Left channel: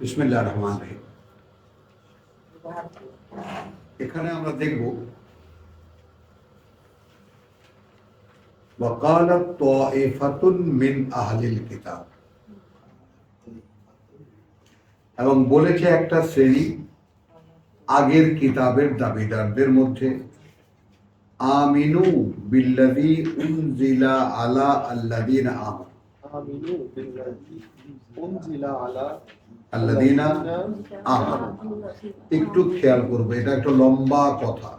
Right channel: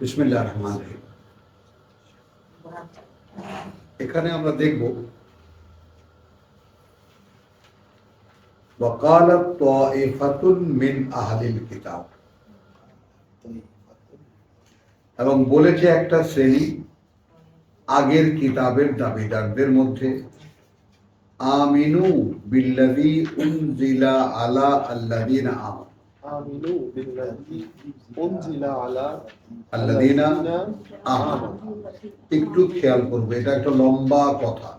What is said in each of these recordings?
বিসমিল্লাহির রহমানির রহিম। এখানে আমরা দেখব ওয়াকালাত তাইফাতুন মিন আহলিল কিতাব, এবং বলেছে একটা শ্রেণী আগের কিতাবের দাবিদারদের মধ্যে, আমিনু বিল্লাযী উনজিলা আলা আল্লাযীনা আমানু। একটু খেয়াল করবে, এটা একটা লম্বা কথা।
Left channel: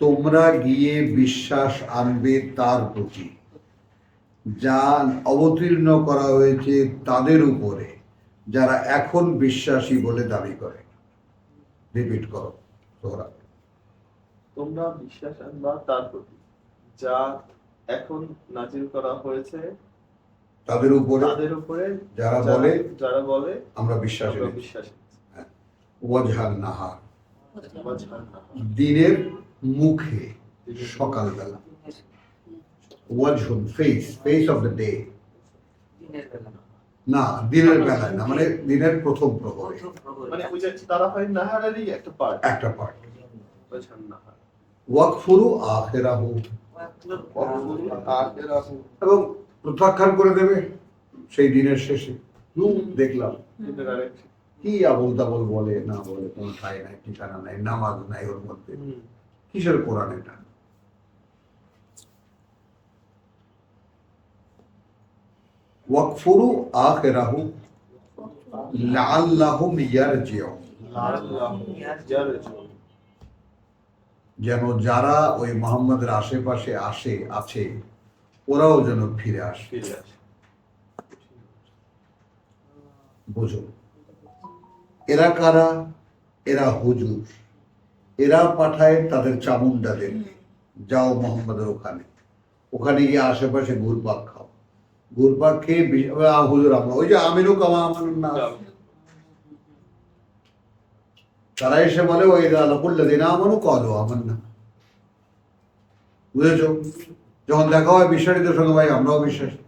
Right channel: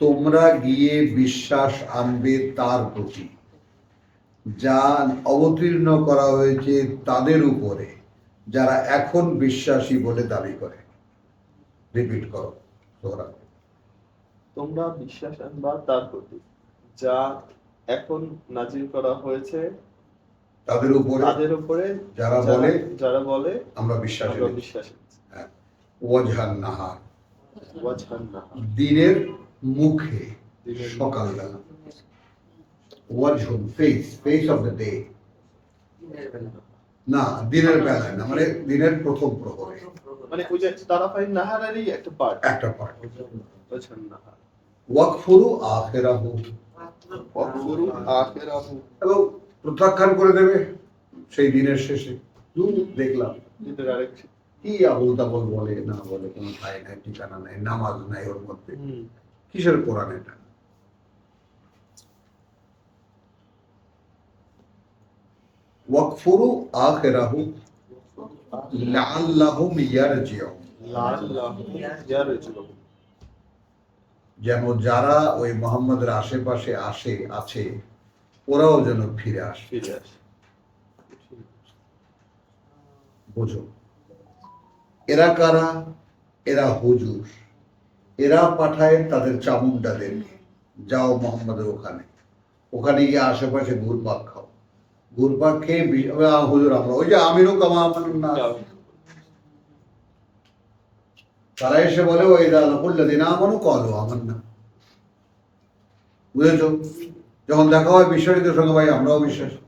তোমরা গিয়ে বিশ্বাস আনবে তার প্রতি যা অবতীর্ণ করা হয়েছে তাদের উপরে, যারা এখন বিশ্বাসী বলে দাবি করে। রিপিট করো তোমরা। তোমরা বিশ্বাস আনবা তার প্রতি যা এখন নাজিল করা হয়েছে তাদের উপরে যারা বলে আমরা বিশ্বাস এনেছি। ওয়াজহান নাহার, দিনের মুখে, সকালবেলা। ওয়াজহুন, ফেস অফ দ্য ডে, না দিনের বেলায় না, মানে দিনের প্রথম প্রহরে, মানে ওই যে তারাফাইন নাহারেরই একটা পার্ট। ওয়াকফুরু আখিরাহু, এবং প্রত্যাখ্যান করে দেবে সেই দিনের শেষে। দেখলাম কি আবল তাবল বলে, না বলে, কোন ঠাই নাই, ঠিকানা নাই, নামাজ নাই ওর মধ্যে। কিসের কোরআন এটা? ওয়াকফুরু আখিরাহু লাআল্লাহুম ইয়ারজিউন, যেন যারা ওই মুহাম্মদের আশেপাশে আছে ওরাও যেন ফিরে আসে। বোঝো, এরা কারা? এরা হুজুর। এরা পাঠায় তাদের চামুন্ডাদেরকে, যাও মোহাম্মদের ওখানে গিয়ে আশেপাশে ঘুরপাক খাও। ঘুরপাক খেয়ে হুজুর আমরা ওই যে আমিনু কামা আমানুন নাস, তারা এসে বলে ওই লাকুল্লাযিনা আমানু ক্বালু আমান্না। বুঝেছো? যখন দেখা হয় বিশ্বাসীদের সঙ্গে, ভাই আমরাও বিশ্বাসী।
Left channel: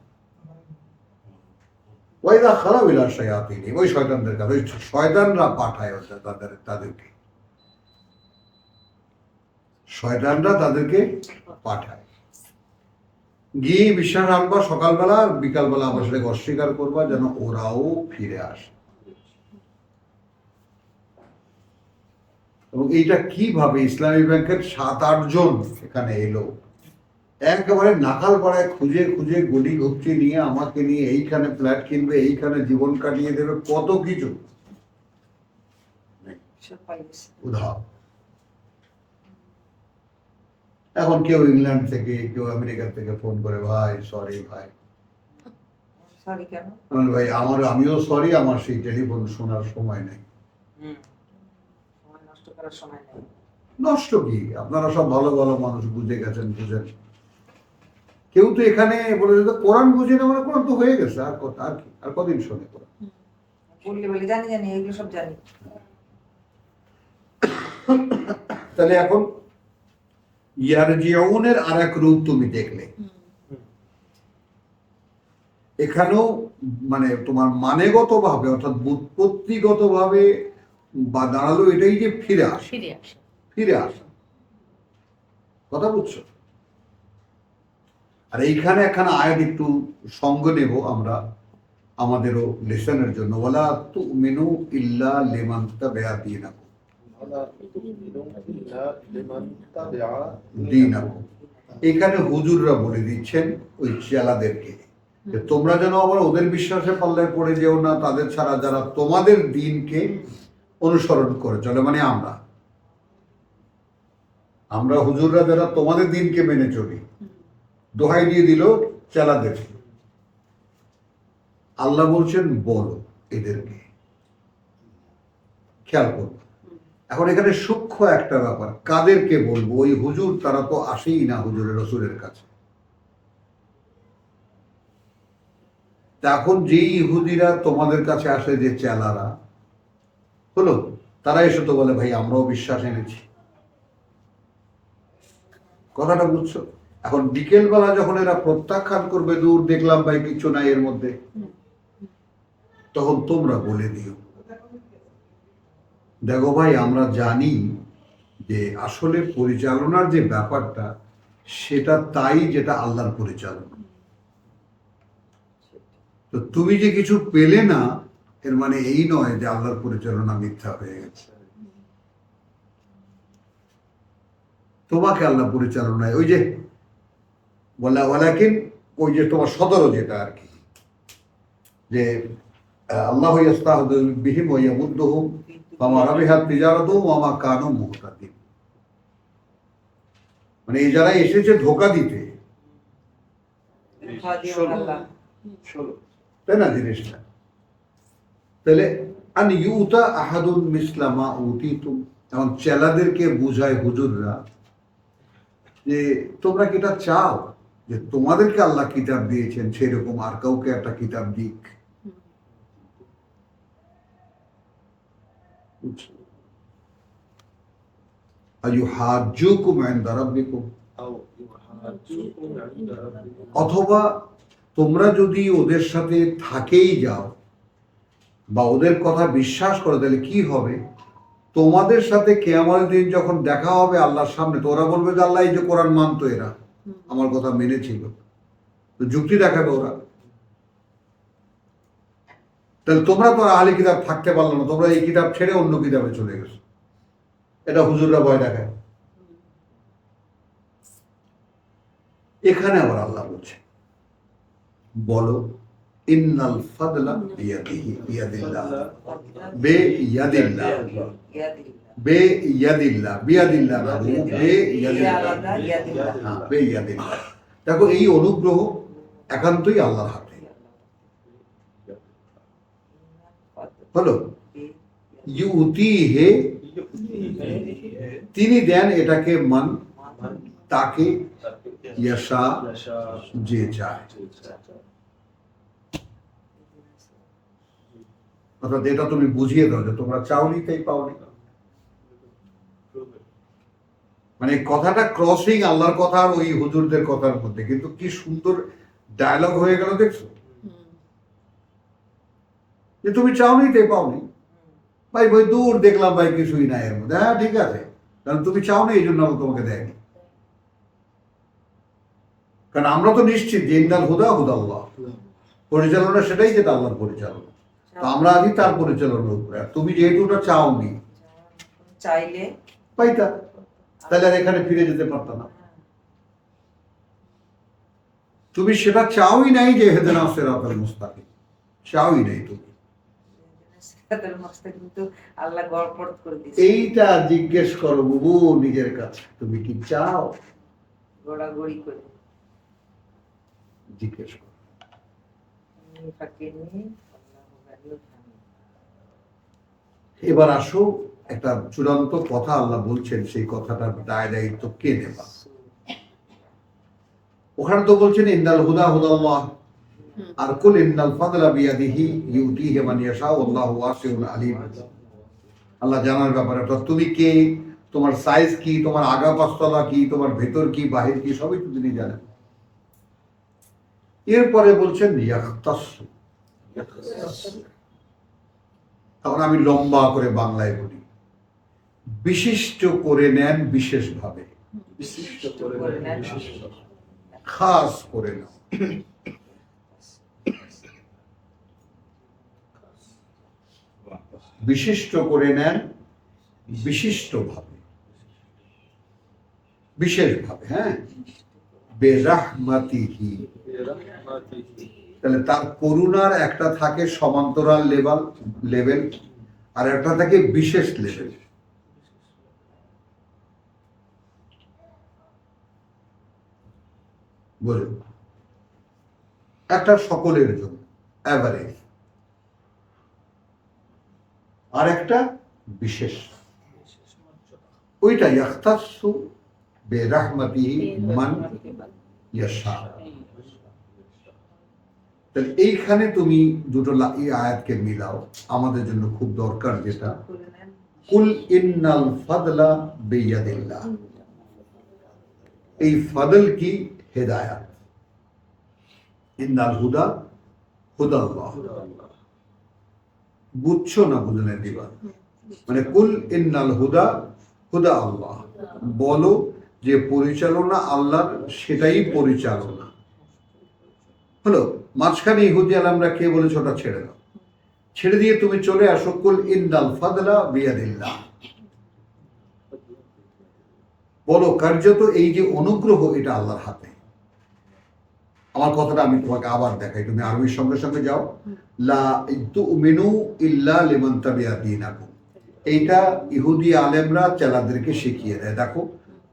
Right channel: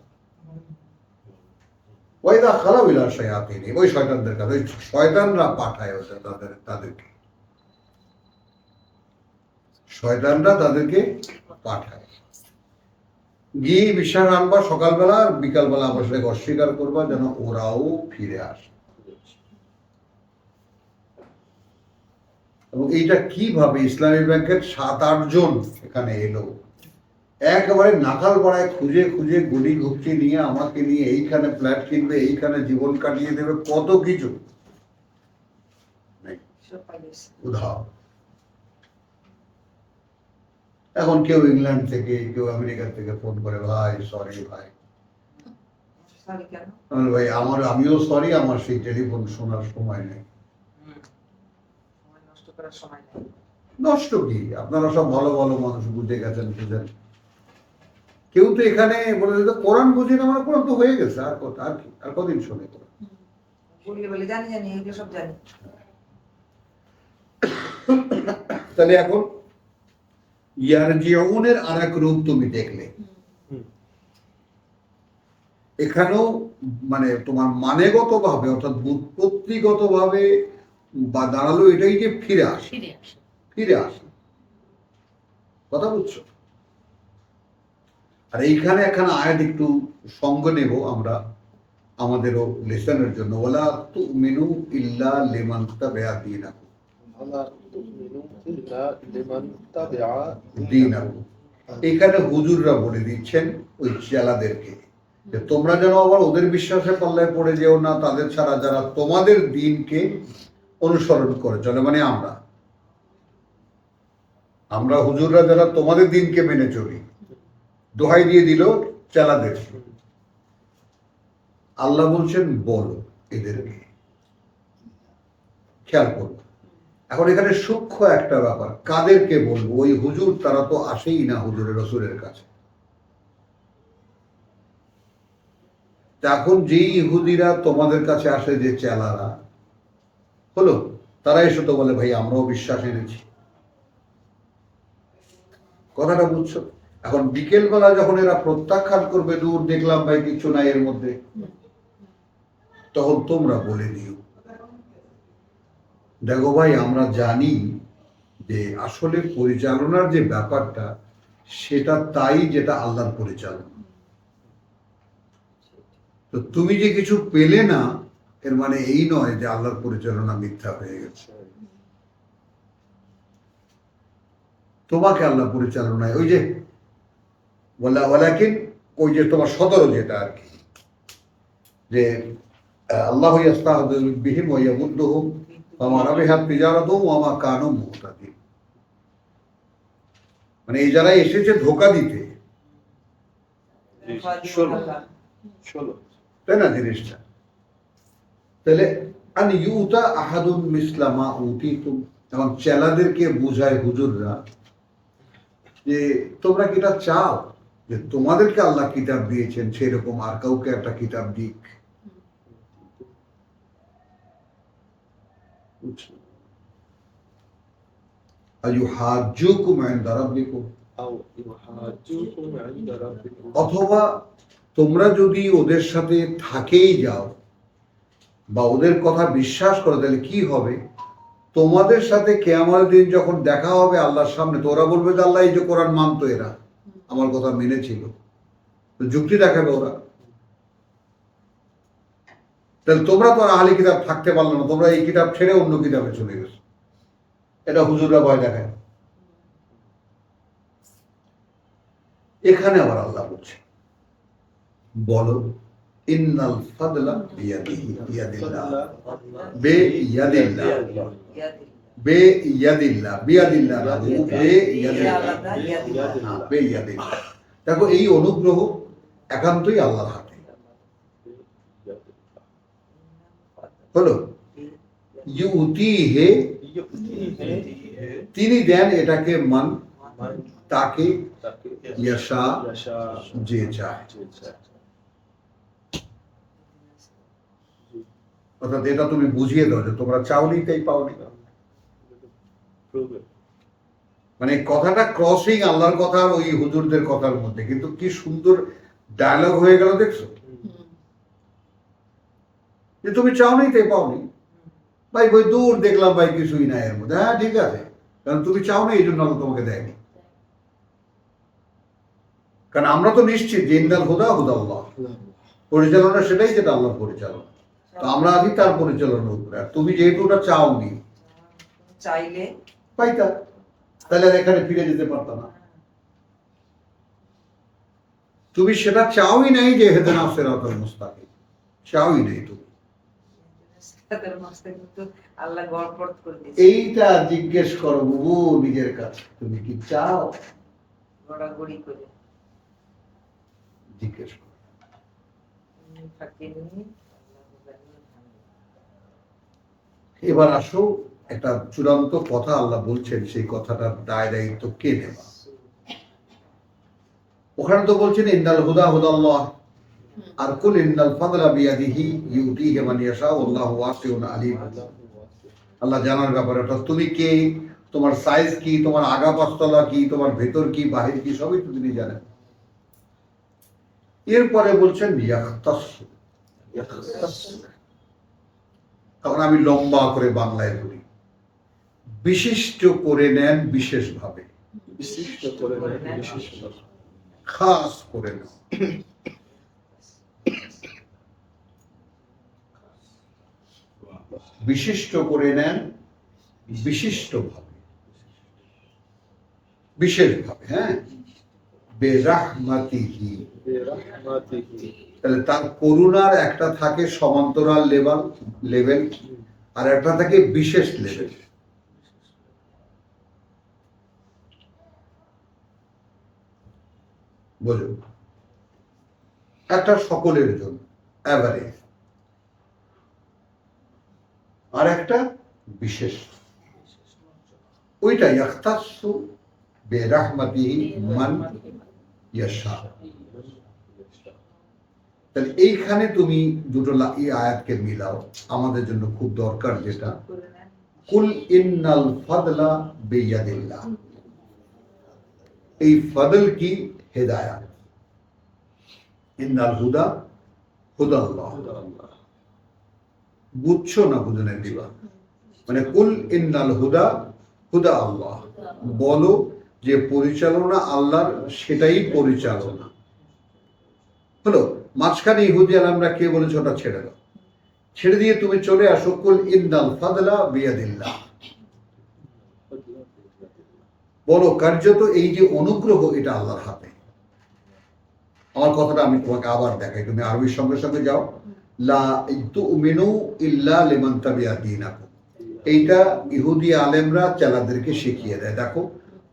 ওয়াইদা খালাউ ইলা শায়াতিনি, ওই শয়তানদের কাছে, ওই শয়তানরা পাঠায় তাদেরকে, শয়তানরা তাদেরকে পাঠায়। গিয়ে বিশ্বাস আনবা সকালবেলা, আর বিকালবেলা আমার সাথে অস্বীকার করবা, যেন ওরাও ফিরে আসে। এবং এইটা কিভাবে ইসলামী ব্যাংকের 7-8 জন এখানে এলো, একেবারে নাকাল পাড়ায় খুঁজে খুঁজে গলি ঘুপচি নিয়ে আমাকে নিয়ে এইখানে ফ্ল্যাট কিনবে, এইখানে জীবন কাটিয়ে দেবে, কত কিছু উধাও। এখন কেউ ইংল্যান্ড থেকে, কেউ আমেরিকা থেকে ফোন করে, ভাই সরি ভাই। ভাই আমিও সরি, আমার সেই টেলিফোন শোনার সময় নেই। নষ্ট কি? আপনারা সব ভালো ভালো মানুষ, বুঝে গেছেন, বুঝেন। কেউ তো এখানে বলে যে কোরআন বুঝি না, মানে কোরআন তো হয়ে গেছে, আর কি, আর কদিন শোনে কোরআন? তাহলে এখন ইয়ারজিউনের আর এক রূপ তুমি দেখলে। এখানেও মানে তোমার মানেগত ভাবে, অর্থাৎ বুৎপত্তিগত ভাবে বা দাঁড়ালো এটাই যে ফিরে আসা। কথা বুঝছো? আর এইখানে একখানা আয়াত একটু সঙ্গ নেব আমরা আমাদেরও লেসনের জন্য। ওয়ালা তুমিনু ইল্লা লিমান তাবিআ দীনাকুম। এখানে হুজুররা বলে দিচ্ছেন ওই চেলাদেরকে যে তোমরা যেন আবার ওদের বিশ্বাসের পাল্লায় পড়ে যেও না, তাদের ছাড়া যারা তোমাদের দিনকে অনুসরণ করে চলে, মানে আমরা হুজুররা যারা তোমাদের দিনকে মেনে চলি। দোহাই দিয়ে দিল চেলাদেরকে। আল্লাহ বলছেন বলো এদেরকে, খেয়াল করো। এখন এখানে সূক্ষ্ম একটা ব্যাপার, কাদেরকে বলবো? ওই হুজুর, তারা তো আসেই না হুজুরের রসুলের কাছে। এখন যেই ইহুদিরা তোমাদের কাছে আসে, যে চেলারা হলো, তারা এসে তো বলে ভাই আমরাও বিশ্বাস এনেছি। কথাটা বুঝছো? এখন বিকেলবেলা যখন এরা প্রত্যাখ্যান করবে, দূর দেখলাম ভাই কিছু নাই এর মধ্যে, তখন তোমরা বলে দিও দেখো ভাই, আমরা জানি যে আসলে পরিচালনার যে ব্যাপারটা সেটা তাই যেটা আল্লাহর পরিচালনা। তো তুমি যে কিছু পেলে না এর মানে এই নয় যে আল্লাহর পরিচালনা মিথ্যা হয়ে গেছে। তোমাকে আল্লাহ পরিচালনায় ওই যে ওয়ালাকিন, ওই যে তোমার 17 যেটা আর কি, যে আল্লাহ ইয়াস্তাহযু বিহিম ওয়া ইয়ামুদ্দুহুম ফামা রাবিহাত তিজারাতুহুম ওয়া মা কানু মুহতাদিন। মানে এই যারা এসেছে ধোঁকা দিতে, তাই না জিনিসটা? তাহলে আন ইউতা আহাদুন মিসলামা উতিতুম, এবং চেলাদেরকে বুঝায় হুজুররা যে তোমরা কি এটা চাও যে তোমাদেরকে আল্লাহ কিতাব দিয়েছেন সেরকম আর কাউকে একটা কিতাব দিক? আইয়ুহাজ্জুকুম ইনদা রাব্বিকুম, অথবা তোমরা যদি ওদের সাথে থাকেই যাও বা ওদের কথা বিশ্বাস করো, তাহলে কি হবে? তোমাদের সাথে কিয়ামতের দিন যখন দেখা হবে আল্লাহর সামনে, তো ওরা বলবে যে আল্লাহ এই যে কোরআন মানতো, এরা আমার কথা মেনেছিল, তো যুক্তি দেখাবে ওরা। তাহলে তোমরা তো আর আহলি কিতাব থাকতে পারলো না, তোমরা এই কিতাব ছেড়ে অন্য কিতাবে চলে গেছো। এটা হুজুররা ভয় দেখায়। এখানে আবার আল্লাহ বলছে, বলো ইন্নাল ফাদলা বিয়াদিহি, বিয়াদিল্লাহ, বে ইয়াদিল্লাহ, বে ইয়াদিল্লাহ, বিয়াদিল্লাহ না, বে ইয়াদিল্লাহ, হ্যাঁ বে ইয়াদিল্লাহ। দেখো এই অনুগ্রহ একান্তই আল্লাহর হাতে। হলো ইউতিহে, তিনি দেন এটাকে মান তাকে, ইয়াশা যে চায়। অর্থাৎ এটা তুমি বুঝিয়ে দাও যে তোমরা চাওনি তাই পাওনি। মানে কথাটা ক্রসিং আল্লাহর কথা আর ওই হুজুরদের কথার মধ্যে, কিন্তু কি সুন্দর ডায়লগ হয়ে গেল দেখছো, যে তুমি চাওনি তাই পাওনি। ভাই বই দূর দেখলাম ভাই কিছুই নাই এর মধ্যে, হ্যাঁ ঠিক আছে, কারণ তুমি চাওনি এই জন্য আল্লাহ তোমাকে দেয়নি। কারণ আমরা তো নিশ্চিত যে ইন্নাল হুদা হুদাল্লাহ, পরিচালনা সেটাই যেটা আল্লাহর পরিচালনা, তো আমরা আছি তার পরিচালনার উপরে। আর তুমি যেহেতু ওটা চাওনি, চাইলে পাইতা, তাহলে আর এখানে ফিরে যেতে পারত না। তুমি সেটা চাওই নাই যে হেদেনা সিরাতাল মুস্তাকিম, চাওই নাই তুমি। কিন্তু আল্লাহ গড়পড় করে দিয়েছে। এইটা জিজ্ঞেস করো বুবু নিজের কাছে, তুমি কি চাও? গড়াগড়ি করে জিজ্ঞেস করো। এবার আসো, একটা চূড়ান্ত কথা আল্লাহ বলছেন, সেই কথাটার দায় দায়িত্ব কে নেবা? ওখানে তো বলছেন ইন্নাল হুদা হুদাল্লাহ, আর কুল ইন্নাল ফাদলা বিয়াদিহি ইউতিহি মান ইয়াশা ওয়াল্লাহু ওয়াসিউন আলিম। আল্লাহ জানার ব্যাপারে, অর্থাৎ তুমি কে, তোমার সাইজ কি, তোমার আগা পাঁচতলা কি, তোমার ভেতর কি বাহির কি, সবই তো তিনি জানেন। এরপরে বলছেন ইয়াখতাসু, তখন আমি লম্বা করে বাংলায় বলি, বিশিষ্ট করে নেন বিশেষভাবে, খাস করে নেন, বিশিষ্ট করে নেন বিশিষ্টভাবে, বিশেষভাবে, হ্যাঁ, বেরাহমাতিহি। তাহলে তার করুণার একটা থাকে সমান্তরাল লেভেল, আর একটা থাকে বিশেষ লেভেল। বুঝুন, একটা সকলের জন্য এভারেজ, আর একটা বিশেষ, ওইটা ইয়াখতাসু বিরাহমাতিহি মান ইয়াশা। তাহলে এইখানে তুমি দুটো এই আয়াতকে মিলাও, আমাদের জন্য খুব দরকার যেটা, কুল ইন্নাল ফাদলা বিয়াদিল্লাহ। এই ফাদল কি? হেদায়াত। ইন্নাল হুদা হুদাল্লাহ, বুঝছো না বুঝনে দিবা, মানে কুল ইন্নাল হুদা হুদা আল্লাহ, বলো যে পরিচালনা আল্লাহর, সেটাই পরিচালনা হলো। মাঝখানে ইহুদি আলামরা কে বলেছে ওটা ছেড়ে দাও, ছেড়ে দিয়ে তুমি চলে আসো কুল ইন্নাল ফাদলা বিয়াদিল্লাহ, বলো কার্যত এই যে অনুগ্রহ এটা আল্লাহর হাতে। আমার কথাটা আমি তোমাকে আবার দেখাই, তুমি আরবির সঙ্গে সঙ্গে যাও। লা তুমিনু ইল্লা লিমান তাবিয়া দীনাকুম, এইটা ইহুদি আলেমরা চেলাদেরকে শিখিয়ে দেয়। দেখো,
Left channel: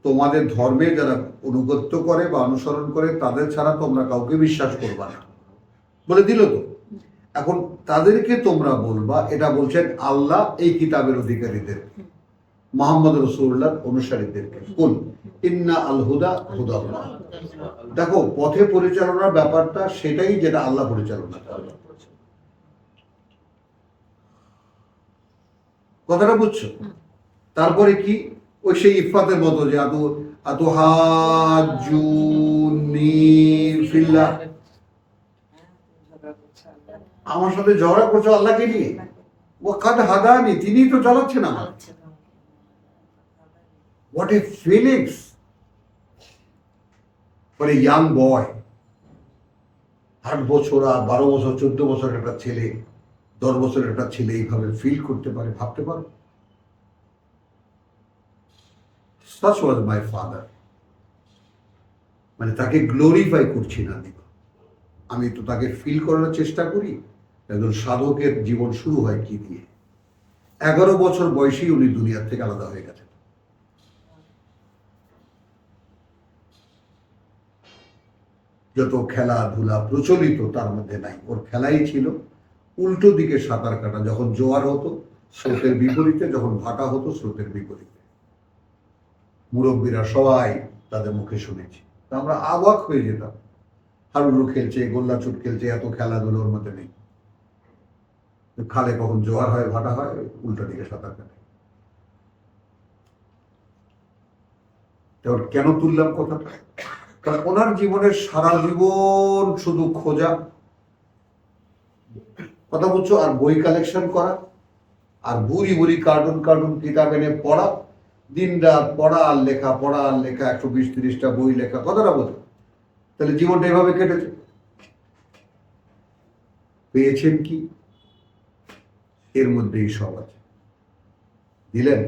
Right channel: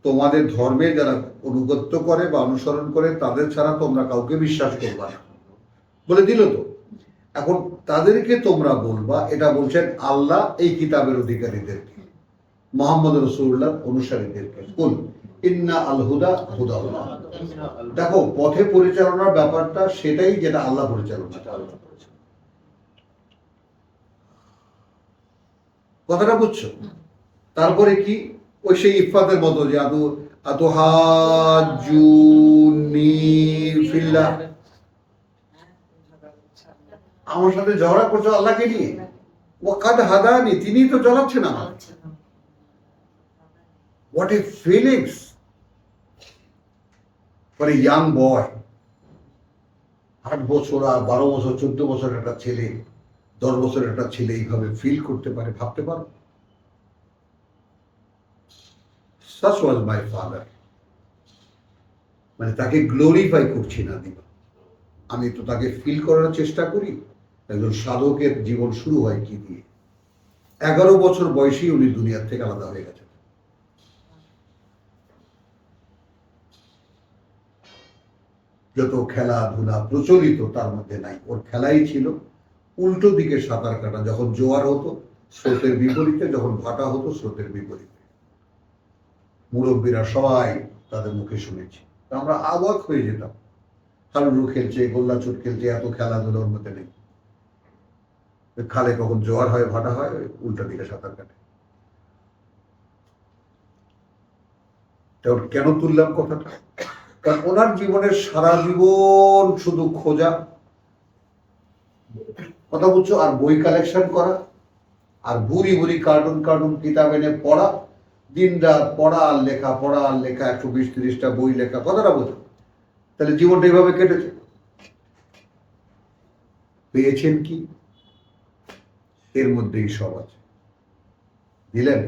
তোমাদের ধর্মে যারা অনুগত্য করে বা অনুসরণ করে তাদের ছাড়া তোমরা কাউকে বিশ্বাস করবা না বলে দিল তো। এখন তাদেরকে তোমরা বলবা, এটা বলছেন আল্লাহ এই কিতাবের অধিকারীদেরকে, মুহাম্মদ রাসূলুল্লাহর অনুসারীদেরকে, কুল ইন্না আল হুদা হুদাল্লাহ। দেখো, পথে পরিচালনার ব্যাপারটা সেটাই যেটা আল্লাহ পরিচালনা করে। কথাটা বুঝছো? তারপরে কি, ওই সেই ইফাতের মতো যে আতুহাজ্জুনি ফিল্লাহ, আমার সাথে ঝগড়া করছো আল্লাহকে নিয়ে। ও কাদ হাদানি, তিনিই তো চালাচ্ছেন আমার। What a feelings for a young বয়। 8 বছর আর 12 বছর 14 বছর একটা ছেলে, 10 বছরের একটা ছেলে এইভাবে ফিল করতে পারে, ভাবতে পারো? Such was my father. মানে তাকে গ্লোরিফাই করছি না দিবা, আমি তো তাকে ফিল করার চেষ্টা করি। একজন সাধকের জীবন শুরু হয় কি দিয়ে? 11 বছর বয়সেই উনি দুনিয়ার থেকে আলাদা হয়ে গেছেন। যত খেলাধুলা প্রচলিত তার মধ্যে নাই, ওর খেলাই ছিল উল্টো দিকে সাঁতার কাটা। যখন জোয়ার হতো স্রোতের বিপরীতে, যখন ভাটা হতো স্রোতের বিপরীতে। মুরব্বীরা সবাই তাদের মুখে শুনেছি, তা আমরা অবাক হয়ে যেতাম। হাডুডু খেলছে, গোল্লা চুট খেলছে, এত খেলাধুলো ওর মধ্যে নেই। খালে কখন জোয়ার হয় ভাটা হয়, উল্টা দিকে সাঁতার কাটে। তাহলে কেন তুললাম কথাটা? কারণ ওনার জীবনের সারা জীবন শুধু খোঁজা, কথা বুঝছো, আর বই কালেকশন করা, আর বুড়ি বুড়ি কার্টুন কিতাব এনে পড়া, দিন রাত পড়া আর লেখা, পড়া আর লেখা, 120-30টা বই লেখা। কথাটা বোঝো? তাহলে জীবনটা এইভাবে কেটেছে। পেয়েছেন কি? এর মধ্যেই সব আছে। দিলেন?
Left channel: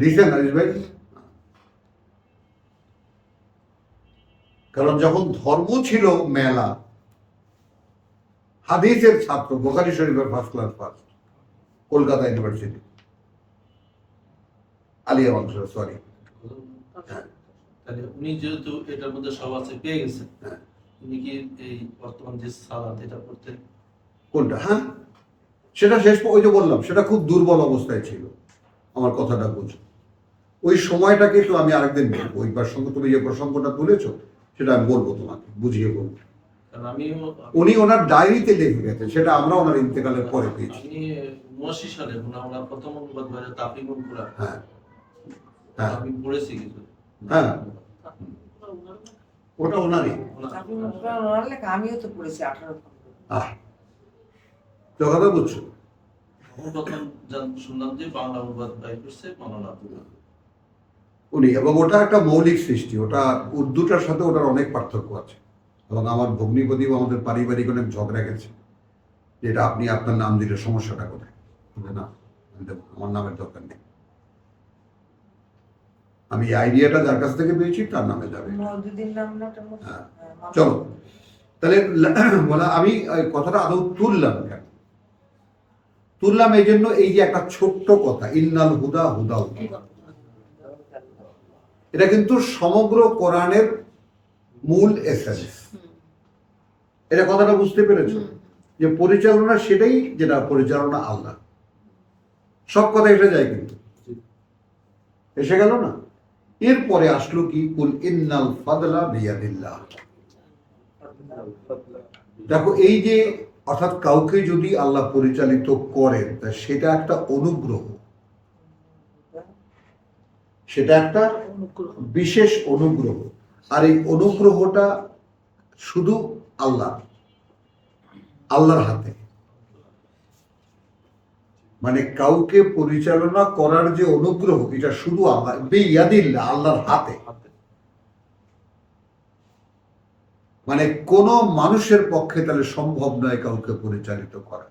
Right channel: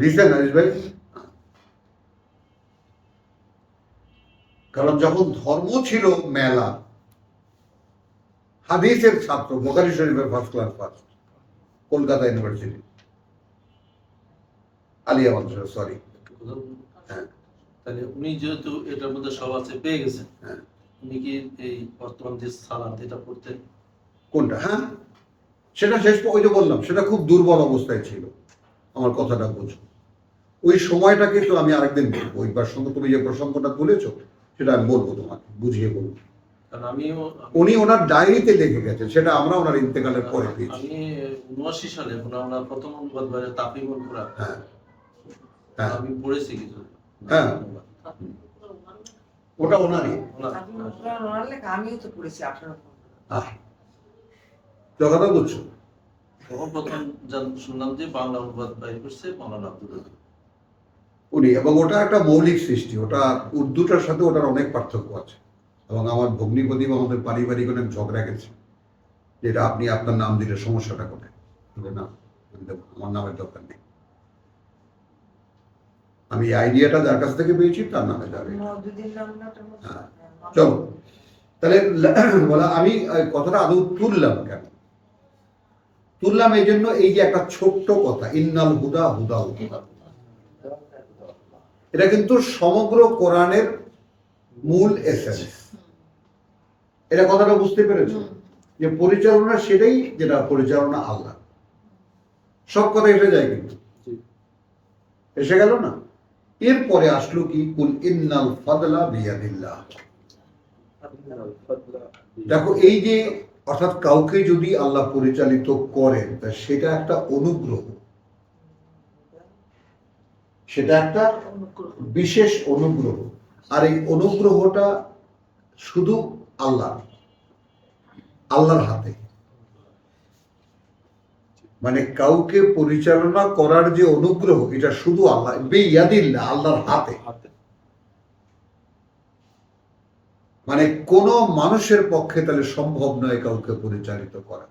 দিচ্ছেন আরিস ভাই? কারণ যখন ধর্ম ছিল মেলা, হাদিসের ছাত্র, বুখারী শরীফের first class first, Kolkata university, Aliya বংশ, সরি। তাহলে উনি যেহেতু এটার মধ্যে সব আছে পেয়ে গেছেন, হ্যাঁ। উনি কি এই বর্তমান যে সালাত এটা পড়তেন? কোনটা? হ্যাঁ, সেটা শেষ, ওই যে বললাম সেটা খুব দুর্বল অবস্থায় ছিল। আমার কথাটা বুঝো, ওই সময়টাকে তো আমি আরেকদিন বলবো। ওই সঙ্গে তুমি যে প্রসঙ্গটা তুলেছো সেটা আমি বলবো, তোমাকে বুঝিয়ে বলবো। কারণ আমিও উনি ওনার ডায়েরিতে লিখে গেছেন, সেটা আমরা ওনার ইন্তেকালের পরে পেয়েছি। আমি 79 সালে আমরা প্রথম অনুবাদ বাইরে তাফিমুল কুরআন, হ্যাঁ হ্যাঁ আমি পড়েছি কিছু। হ্যাঁ, ওটা ওনারই। আমিও তো পড়েছি 18। তো কথা বুঝছো? তখন প্রথম শুনলাম যে বাংলা অনুবাদ বাই করছে মাওলানা আব্দুল রহিম উনি, এবং ওটা একটা মৌলিক সৃষ্টি, ওটা উর্দুটার সাথে ওটার অনেক পার্থক্য আছে। এবং আমার ভগ্নিপতি বা আমাদের পারিবারিক অনেক ঝগড়া গেছে, যেটা আপনি আপনার নাম দিলে সমস্যাটা কোথায়? না, আমি দেবো, আমার নামের দরকার নেই। আমি আইডিয়াটা যার কাছ থেকে পেয়েছি তার নামে যাবে। হ্যাঁ, চলো তাহলে বলা, আমি কথাটা আদৌ তুললাম কেন? তুললাম এই জন্য, এই যে একটা ছোট্ট কথা, ইন্নাল হুদা হুদাল, এটা কিন্তু সমগ্র কোরআনের মূল এসেন্স। এটা কথাটা বুঝতে পেরেছো? যে পরিচালনা সেটাই যেটা পরিচালনা আল্লাহ। সব কথা এসে যায়, কিন্তু এসে গেল না। এরপরে আসলো কি, কুল ইন্নাল ফাদলা বিয়াদিল্লাহ। দেখো, এই যে অর্থাৎ কাউকে যদি আল্লাহ পরিচালিত করেন, তা সেটা একটা অনুগ্রহ, সেটা একটা বিশেষ অনুগ্রহ। আর এই অনুগ্রহটা শুধু আল্লাহর হাতে। মানে কাউকে পরিচালনা করার যে অনুগ্রহ, এটা শুধু আল্লাহ, বেয়াদিল্লাহ, আল্লাহর হাতে। হাতে। মানে কোন মানুষের পক্ষে তাহলে সম্ভব নয় কাউকে পরিচালিত করা।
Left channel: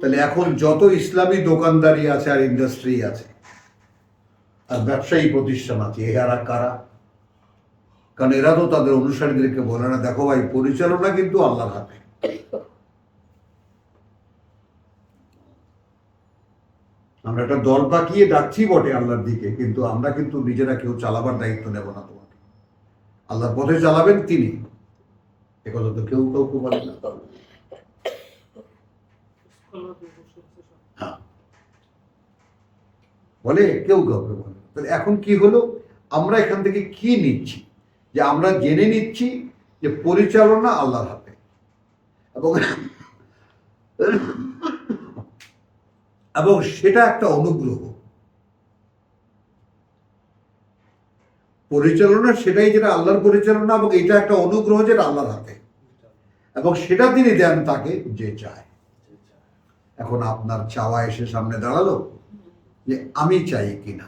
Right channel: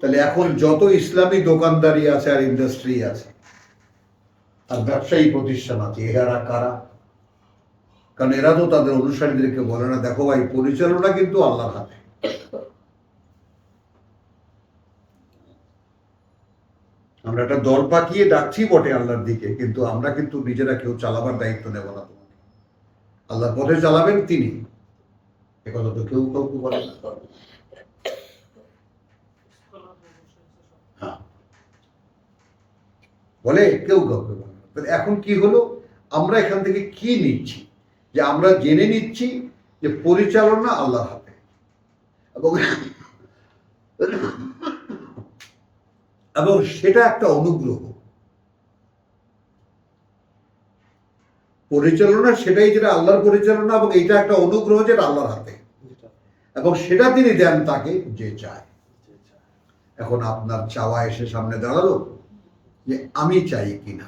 তাহলে এখন যত ইসলামী দোকানদারি আছে আর ইন্ডাস্ট্রি আছে আর ব্যবসায়ী প্রতিষ্ঠান আছে, এরা কারা? কারণ এরা তো তাদের অনুসারীদেরকে বলে না, দেখো ভাই, পরিচালনা কিন্তু আল্লাহর হাতে। আমরা একটা দল পাকিয়ে ডাকছি বটে আল্লাহর দিকে, কিন্তু আমরা কিন্তু নিজেরা কেউ চালাবার দায়িত্ব নেব না। তোমাকে আল্লাহর পথে চালাবেন তিনি, একথা তো কেউ কাউকে বলে না। হ্যাঁ, বলে কেউ কাউকে বলে না। তাহলে এখন কি হলো, আমরা এখান থেকে কি নিচ্ছি? যে আমরা জেনে নিচ্ছি যে পরিচালনা আল্লাহর হাতে, এবং সেটা একটা অনুগ্রহ। পরিচালনা সেটাই, যেটা আল্লাহর পরিচালনা, এবং এটা একটা অনুগ্রহ যেটা আল্লাহর হাতে, এবং সেটা তিনি দেন তাকে যে চায়। এখন আপনার চাওয়া এসে সামনে দাঁড়ালো যে আমি চাই কিনা।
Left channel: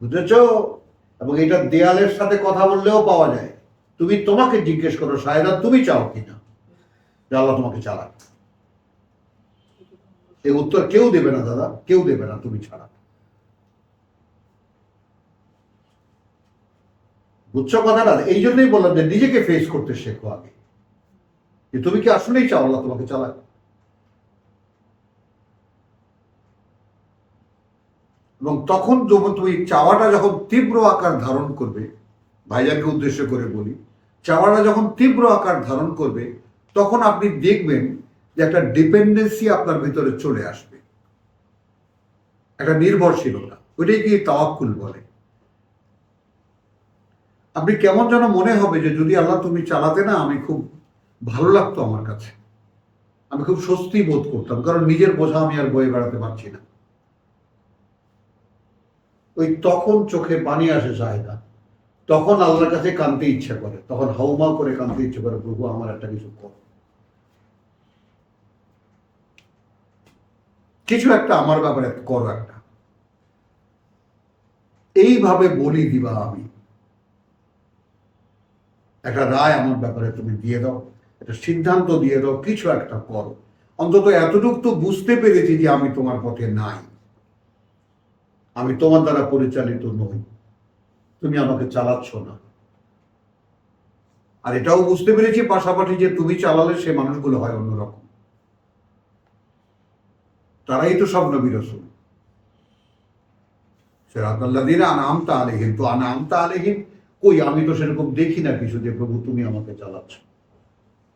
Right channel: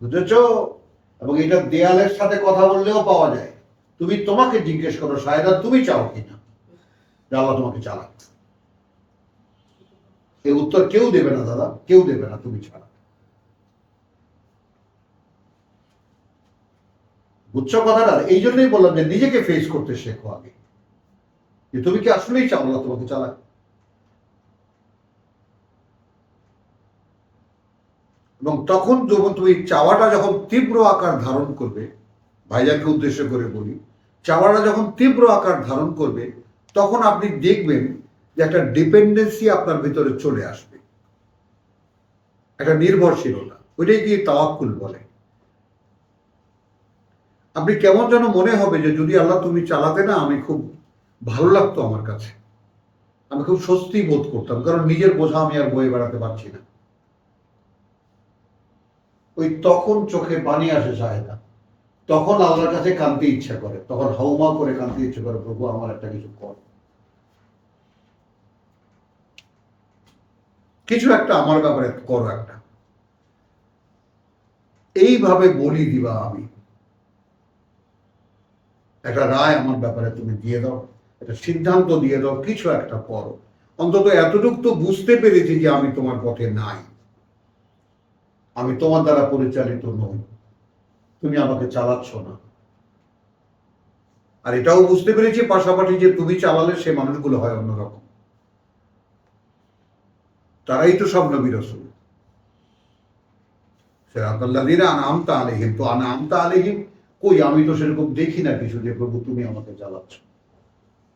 বুঝেছ? এবং এটা দেয়ালের সাথে কথা বললেও পাওয়া যায়। তুমি তোমাকে জিজ্ঞেস করো, সায়দা তুমি চাও কিনা যে আল্লাহ তোমাকে চালাক? এই উত্তর কেউ দেবে না দাদা, কেউ দেবে না তুমি ছাড়া। বুঝছো কথাটা? এই জন্যই বললাম যে নিজেকে ফেস করতে শেখো আগে, যে তুমি কি আসলেই চাও আল্লাহ তোমাকে চালাক। এবং তখন যখন তুমি চাওয়াটা যখন তীব্র আকার ধারণ করবে, ভাইজানকে উদ্দেশ্য করে বলি, চাওয়াটা যখন তীব্র আকার ধারণ করবে, তখন আপনি দেখবেন যে একটা ডিপেন্ডেন্সি আপনার ভিতরে চলে আসবে, একটা নির্ভরশীলতা। ওইটাই কি তাওয়াক্কুল বলে। আপনি কেমন যেন মনে হবে যে যদি আল্লাহ তুমি চালাতে না, আমি খুব ভালো লাগতো, আমার কাছে আমি খুব স্বস্তি বোধ করতাম, কারণ নিজের বোঝা আমি আর বয়ে বেড়াতে পারছি না। ওই তখন চোখে পানি আসে চায়দা, তখন আল্লাহর কাছে কাঁদতে ইচ্ছা করে, তখন হাউমাউ করে কাঁদতে ইচ্ছা করে, প্রভু আমার একটা কিছু কর, কিছু একটা আমার ব্যাপারে করো একটা। এইভাবে বলি দিবা, আমি একটা রায় আমার ব্যাপারে তুমি দিয়ে দাও, একটা সিদ্ধান্ত দিয়ে দাও, কিছু একটা করো। অন্তত এতটুকু তো বুঝতে পেরেছি যে আমি তোমার পথে নাই, আমি তোমার দ্বারা পরিচালিত নই, তুমি আমাকে চালাচ্ছ না। আর এটাও বুঝতে পেরেছি পাশাপাশি যে তুমি চালালে সে মানুষগুলো হয় অন্যরকম, তারাই তো সব নবী রাসূল। সিরাতাল্লাযীনা আনআমতা আলাইহিম, তো আনআমতা আলাইহিম কই? আমি তো সেরকম দেখি না কিছু যে প্রভু তুমি আমাকে চালাচ্ছ।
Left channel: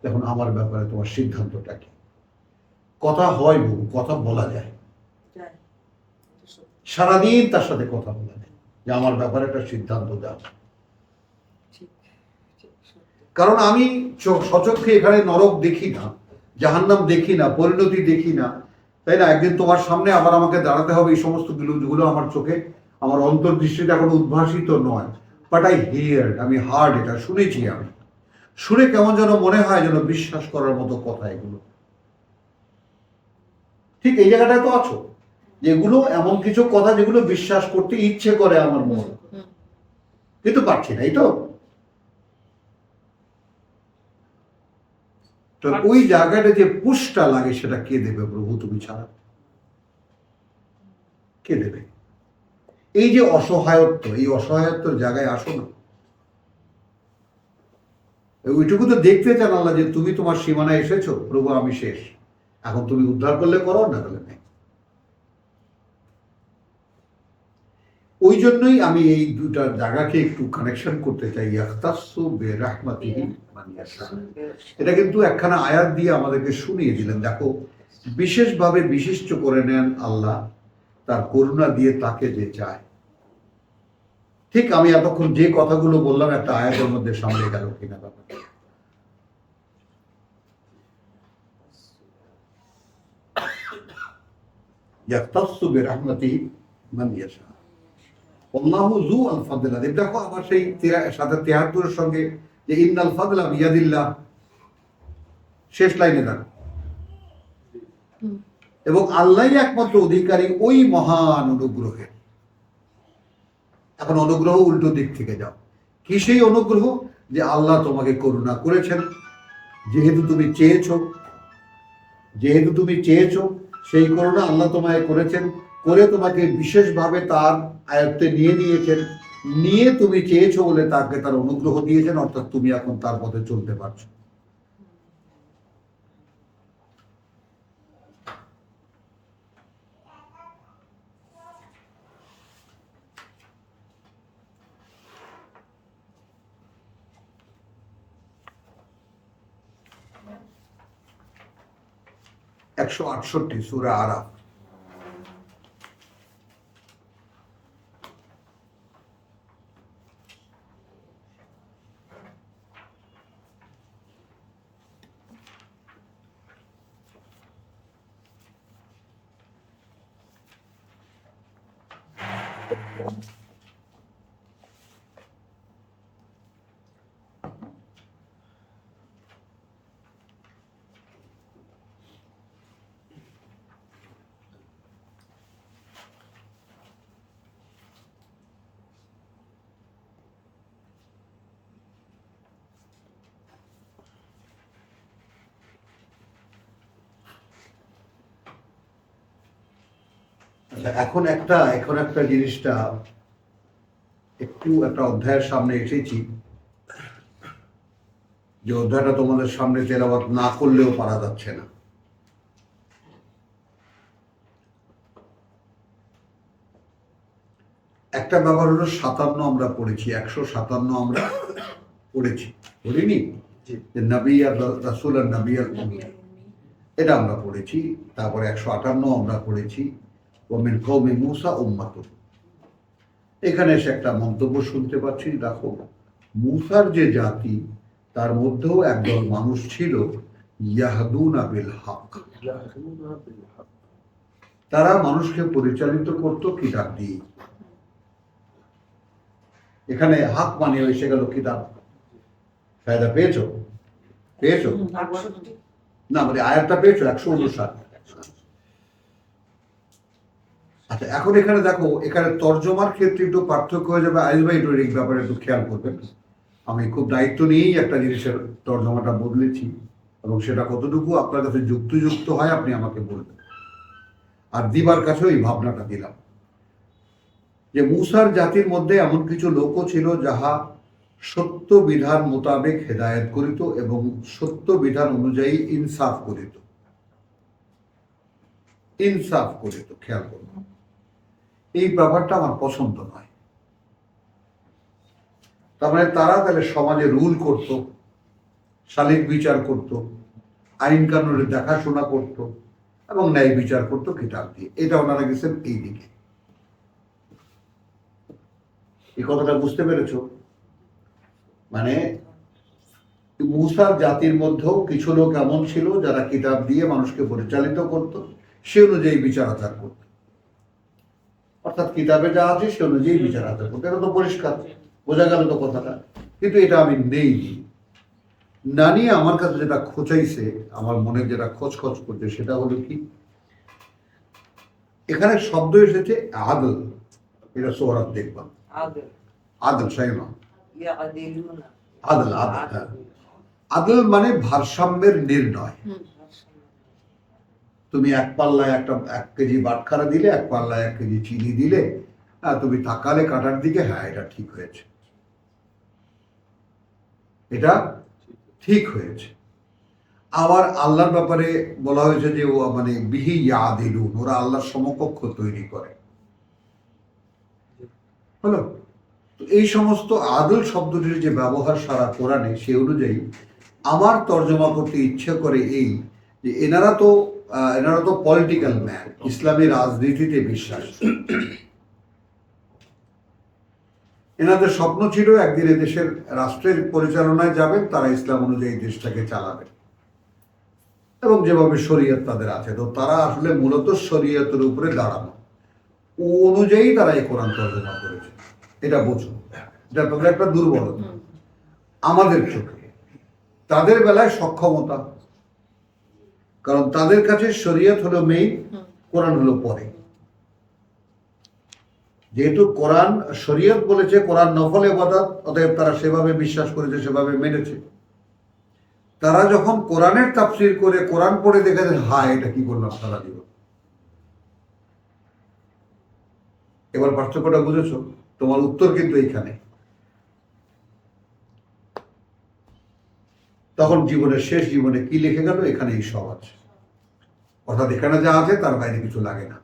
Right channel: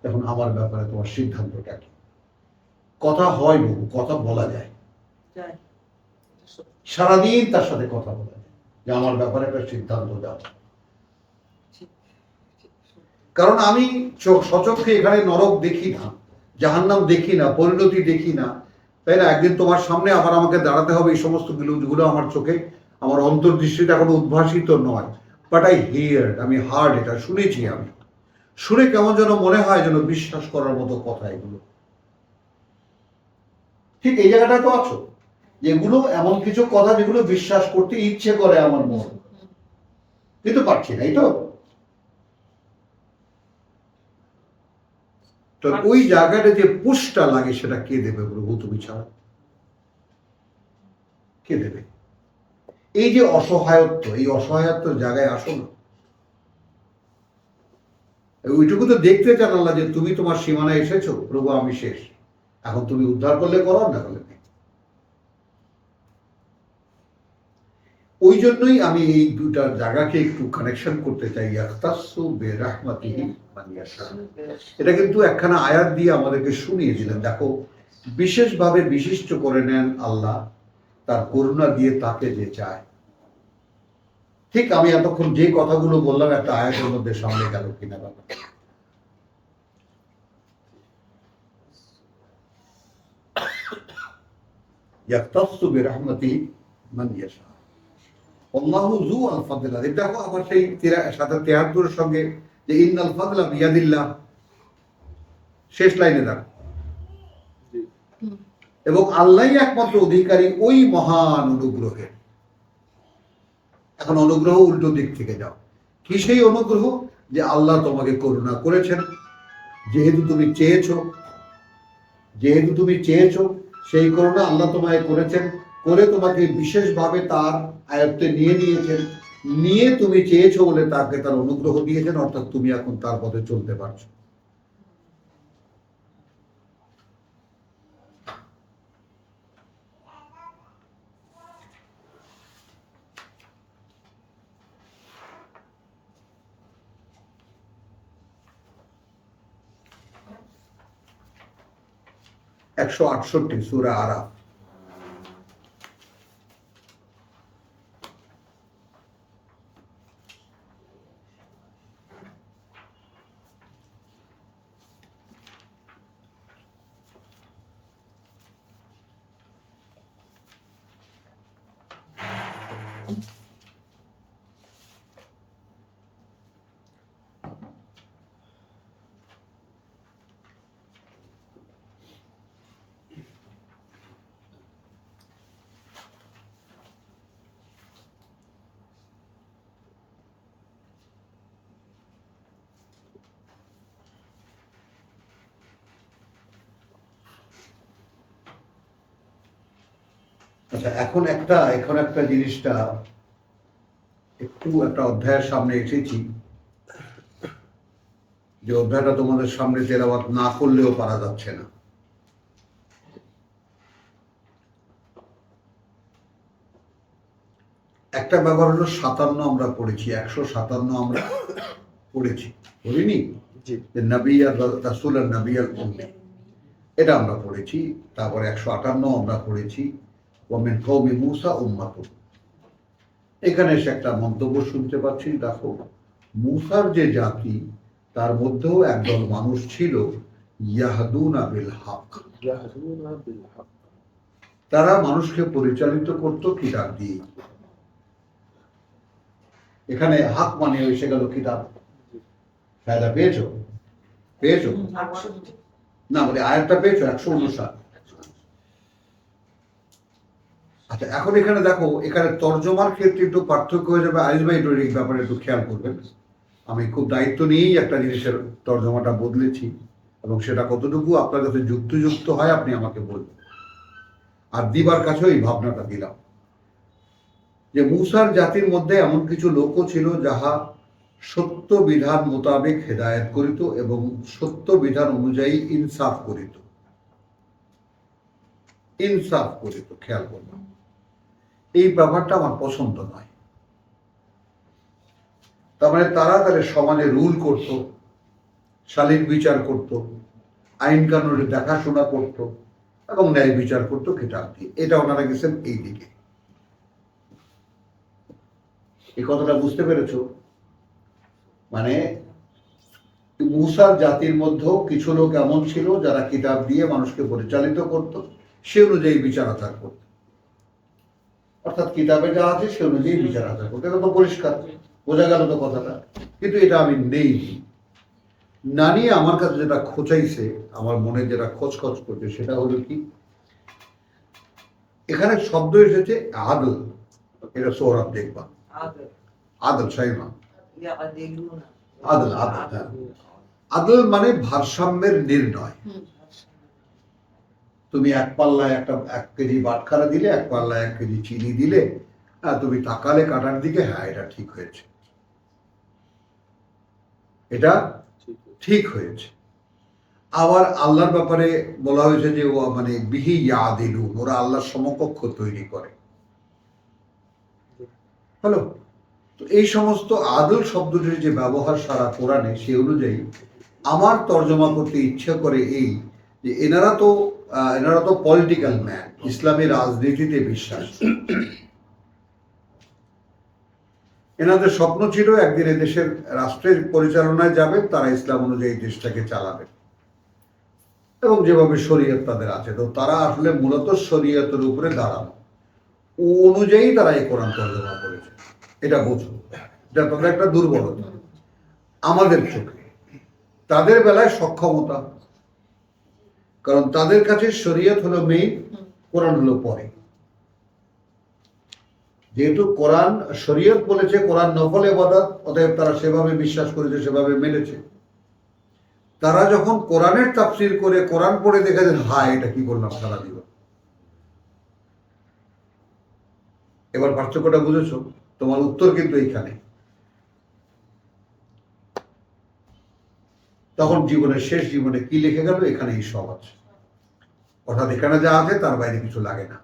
এখন আমার ব্যাপারে তোমার সিদ্ধান্তটা কি? কথা হয় বহু, কথা বলা যায়, সারাদিন তার সাথে কথা বলা যায় যে আমার ব্যাপারে একটা সিদ্ধান্ত দাও। কারণ আমি সচক্ষে এখানে নরক দেখি না, জাহান্নাম দেখি না, পরিণতি দেখি না, তাই না? একদিন তোমার সামনে আবার আমাকে দাঁড়াতে হবে, এই সমস্ত গুলো আমার চোখে, আমার অন্তর্দৃষ্টিতে এখন উদ্ভাসিত নয়, বাট আই হিয়ার্ড, আমি হার্ড, এটা শুনেছি। আমি শুনে কেমন যেন মনে হয় যেন বিশ্বাস করার মতো কথা এগুলো। ঠিক এই জায়গাটায় তো আছো, যেগুলো এমন কিছু কথা যেগুলো বিশ্বাস করতে ইচ্ছে করে আমার মন, কিন্তু পারছি না, এই তো। তো ওই জায়গাটা যে পুশটা লাগে, সেটা কে দেবে প্রভু তুমি ছাড়া? কে দেবে? এই যে অসহায়ত্ব, এই অসহায়ত্বের জায়গায় আসো না। ওইটুকু তো দেখতে চান আল্লাহ, যে তুমি তোমার সীমানায় এসেছো, প্রভু আমি শেষ, এখন তুমি উদ্ধার করলে করো, না করলে নেই। ওই জন্যই আমি এই দুটা জায়গাকে একটু কানেকশন করতে চাই। ইয়াখতাসু বিরাহমাতিহি মান ইয়াশা, এটা কিন্তু একখানা আয়াত দিয়ে আমাদেরকে শুনিয়ে দিলেন। দেখো, বিশেষভাবে বিশিষ্ট করে নেন আল্লাহ তার করুণা দিয়ে তাকে যে চায়। ঠিক আমি এতক্ষণ যে কথাগুলো বললাম একটা আয়াতের মধ্যে সামনে গেল কিনা ব্যাপারটা। ইয়াখতাসু বিরাহমাতিহি মান ইয়াশা আল্লাহু যু আল ফাদল আযীম। দেখো আবার সেই 73 সঙ্গে যে ইন্নাল ফাদলা বিয়াদিল্লাহ, শেষ লাইনে দেখো, জি। এবং আল্লাহই একমাত্র অধিকারী ওই মহান অনুগ্রহের। এখন অনুগ্রহ উল্টো দিক থেকে যাও, কি সেই অনুগ্রহ? যে আল্লাহ তোমাকে করুণা করেছেন, যেহেতু তুমি চেয়েছো সেই করুণা আল্লাহ তোমায় করেছেন, করে তোমাকে বিশেষভাবে তার আয়ত্তে নিয়ে নিয়েছেন, নিয়ে তুমি চেয়েছো বলে তাকে তার অনুগ্রহ দিয়েছেন, অর্থাৎ তুমি এখন তার পথে চলতে পারছো। একশো 68 সূরা আরাফ। আচ্ছা, এখন একটা জিনিসটা একটু একটা অধ্যায়ের সামনে এসেছি, যে অধ্যায়টা তোমাদের সামনে তেলাওয়াত না করলেও পারা যাচ্ছে না। একটা ব্যাপার হলো 57 আমরা পড়েছি, 157 আমরা পড়িনি? জি। যে নবী আর রাসূল আর নবী আল উম্মি, এটা আমরা পড়েছি। তারপরে 158 আমরা পড়েছি ওয়ামিন কওমি মূসা উম্মাতুন। এখানে এসে একটা মন্তব্য শুনতে পাচ্ছি, দেখো মূসার যে জাতি তার মধ্যেও একদল মানুষ ছিল ইয়াহদুনা বিল হক, তারা মানুষকে পরিচালিত করত কিতাব দিয়ে। এখানে হক মানে এসে গেল কিতাব। ফায়দা পেয়েছো? 68 না মানে আয়াতটা পেয়েছো 159। আচ্ছা, এখন এখানে দেখো, এখানে তর্জমার ক্ষেত্রে একটু পার্থক্য হয়ে যাবে। আইজ ভাই এই ব্যাপারে একটু খেয়াল করবেন। আমি খুব দায়িত্ব নিয়েই একটা জিনিসের তর্জমাটা বদলেছি, এবং সেটা কতটুকু আপনার কাছে যুক্তিযুক্ত হয় আপনি আমাকে বলবেন। আর দিবার কাছেও এই ভাবনাটা দিলাম যে মূসার জাতির মধ্যে এমন কিছু লোকও ছিল যাহা সত্য বিধান মোতাবেক হেদায়েত করিত এবং সত্য বিধান অনুযায়ী ইনসাফ করিত। খেয়াল করব, এই ব্যাপারটা আমার পছন্দ নয়। তার মানে তারা তাহলে সমাজে রুল করত, শালীন বিচার করত, আইন কানুনের দেখাশোনা করত এবং ন্যায় বিচার করত কিতাব দিয়ে। এটা ওনারা গেছেন এই দিকে। এই কথাটা বুঝতে পেরেছো? মানে মূসার জাতির মধ্যেও কিছু লোক এমন ছিল যারা কিতাব দিয়ে মানুষকে পরিচালিত করত, সে অনুযায়ী বিচার আচার করত। অর্থাৎ কিতাবে যা আছে সে অনুযায়ী বিচার আচার করতে। এটা তো পরিষ্কার বোঝা গেল তো কথাটা। কিন্তু এটা আমি নেই না নিয়ে আমার কাছে যেটা খোঁচাইছে, আমার মনে যেটা খচখচ করছে, সেটা হলো কি, এখানে শব্দ এসেছে আদল। এটা সোহরাব দেখবা, আদল সাইমা, আদল আদল, হ্যাঁ। আদল মানে ভারসাম্যের নির্ণয়। তুমি এক পাল্লায় 1 কেজি বাটখারা দিলে, এক পাল্লায় 1 কেজি চিনি দিলে, তুমি তাকালে কাটার দিকে, হ্যাঁ এটা ঠিক হয়েছে, এটা ঠিক হয়েছে। আবার আল্লাহর ব্যাপারে বলা হয়েছে যে ও মানে বিহি ইয়াদিলুন, ওরা আল্লাহর সমকক্ষ তৈরি করে। হলো তো এই সমস্ত আদল শব্দটির যে ব্যবহার সারা কোরআনে, সে অনুযায়ী আমার তর্জমা করতে ইচ্ছে করে এই যে এনারা তো পলিটিক্যাল ম্যান, ইসলামী রাজনীতিতে বিশ্বাস। এনাদের স্বপ্ন ছিল একদিন দেশের রাষ্ট্রের পরিচালনায় যাবেন, তারা ইসলাম অনুযায়ী দেশটাকে চালাবেন, এবং যেভাবে শরীয়ত তাদের আছে, তো তারা আসলে মূলত শরীয়তের উপরে দাঁড়ানো, ও অনুযায়ী তারা এই কোরআন তর্জমা করেছে। এটা বোঝো, এটা তাদের একটা দুর্বলতা। আমাদের চোখে, তাদের বেলায় সক্ষমতা, কারণ তাদের কাছে শরীয়ত হলো মেইন, কোরআন হলো পরে। যেহেতু কোরআন শরীয়ত বলেছে কোরআন নফল ইবাদত, অতএব তারা সেভাবে বিশ্বাস করেছে, সেভাবে মেনেছে। তারা যখন কোরআনের তাফসীর করে কোরআন পড়ে দেখে যে হায় এটা কি করলাম সারা জীবন। এবার পার্থক্যটা বুঝেছো? তোমার উত্তর কিন্তু এইখানে। তখন জীবনের শেষ জীবনে কি লিখে গেল, এখানেই সব আছে। অর্থাৎ এখানে যা আছে তার বাইরে কিছু লাগে না।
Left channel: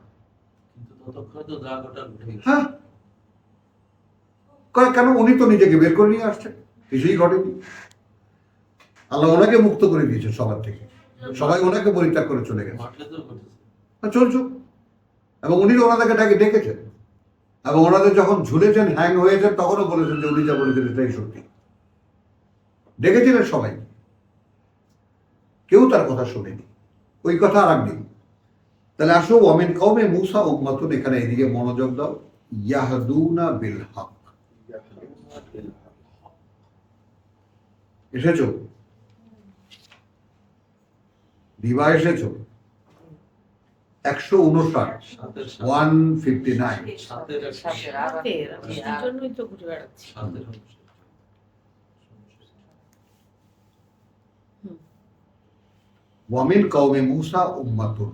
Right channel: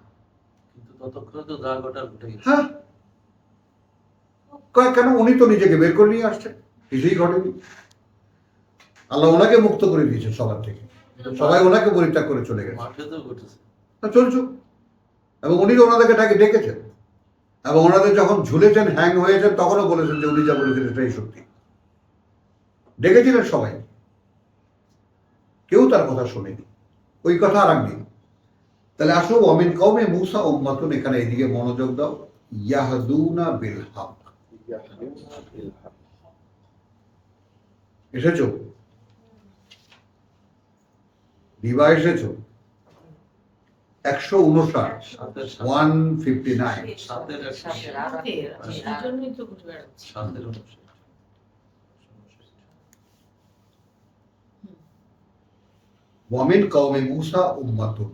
কিন্তু ততক্ষণে তো যা ঘটার ঘটে গেছে। হ্যাঁ, কেন? উনি তো নিজেকে বের করে নিয়ে আসছেন, কিছুই ঘটেনি। আল্লাহ ওনাকে মুক্ত করে দিয়েছে সবার থেকে, সবাই ওনাকে পরিত্যাগ করে চলে গেছে। মাঠে তো ঘটেছে। চলছুক। এবং উনি তো ওনাদেরকে ডেকেছেন, এবং ওনাদের যখন ঝুলেছেন, হ্যাং হয়েছেন, তখনও বলেছেন যে উনি যা বলেছেন এটাই সত্যি। ডেকেছিলেন সবাই, কেউ তার কথা শোনেনি। ওই কথা আর একদিন। তাহলে আসো ওয়ামিন কওমে মূসা উম্মাতুন, এখানে এদিকে মনোযোগ দাও। ইয়াহদুনা বিল হক, এসেছো? দিবা এসেছো? 159, 159। সাতের এক- সাথে এই জন্যই তো ঘুরে বেড়াচ্ছি। সাতের অংশ। ওয়ামিন কওমে মূসা উম্মাতুন,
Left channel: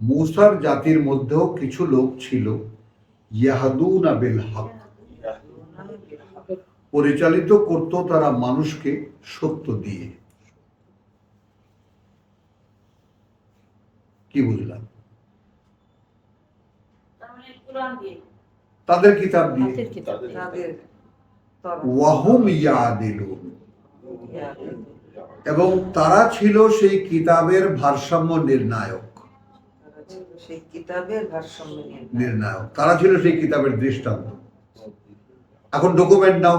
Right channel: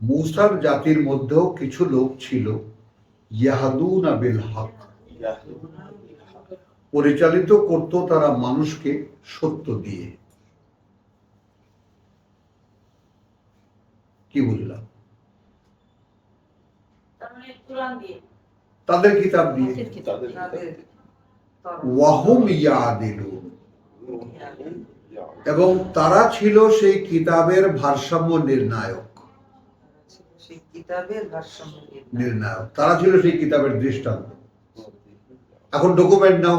মূসার জাতির মধ্যেও কিছু লোক ছিল ইয়াহদুনা বিল হক, পরিচালিত করত তারা মানুষকে সত্য দিয়ে। কি বুঝলাম? তাদের কিতাব দিয়ে। হাতের কিতাব। তাদের তাদের ওয়াহুম ইয়াদিলুন, এবং তারা ছিল সেই কিতাবের ভারসাম্য নির্ণায়ক। সেই কিতাবের ভারসাম্য নির্ণায়ক তারা ছিল, সেই কিতাবের দৃষ্টান্ত। এখন ডকুমেন্ট নাও,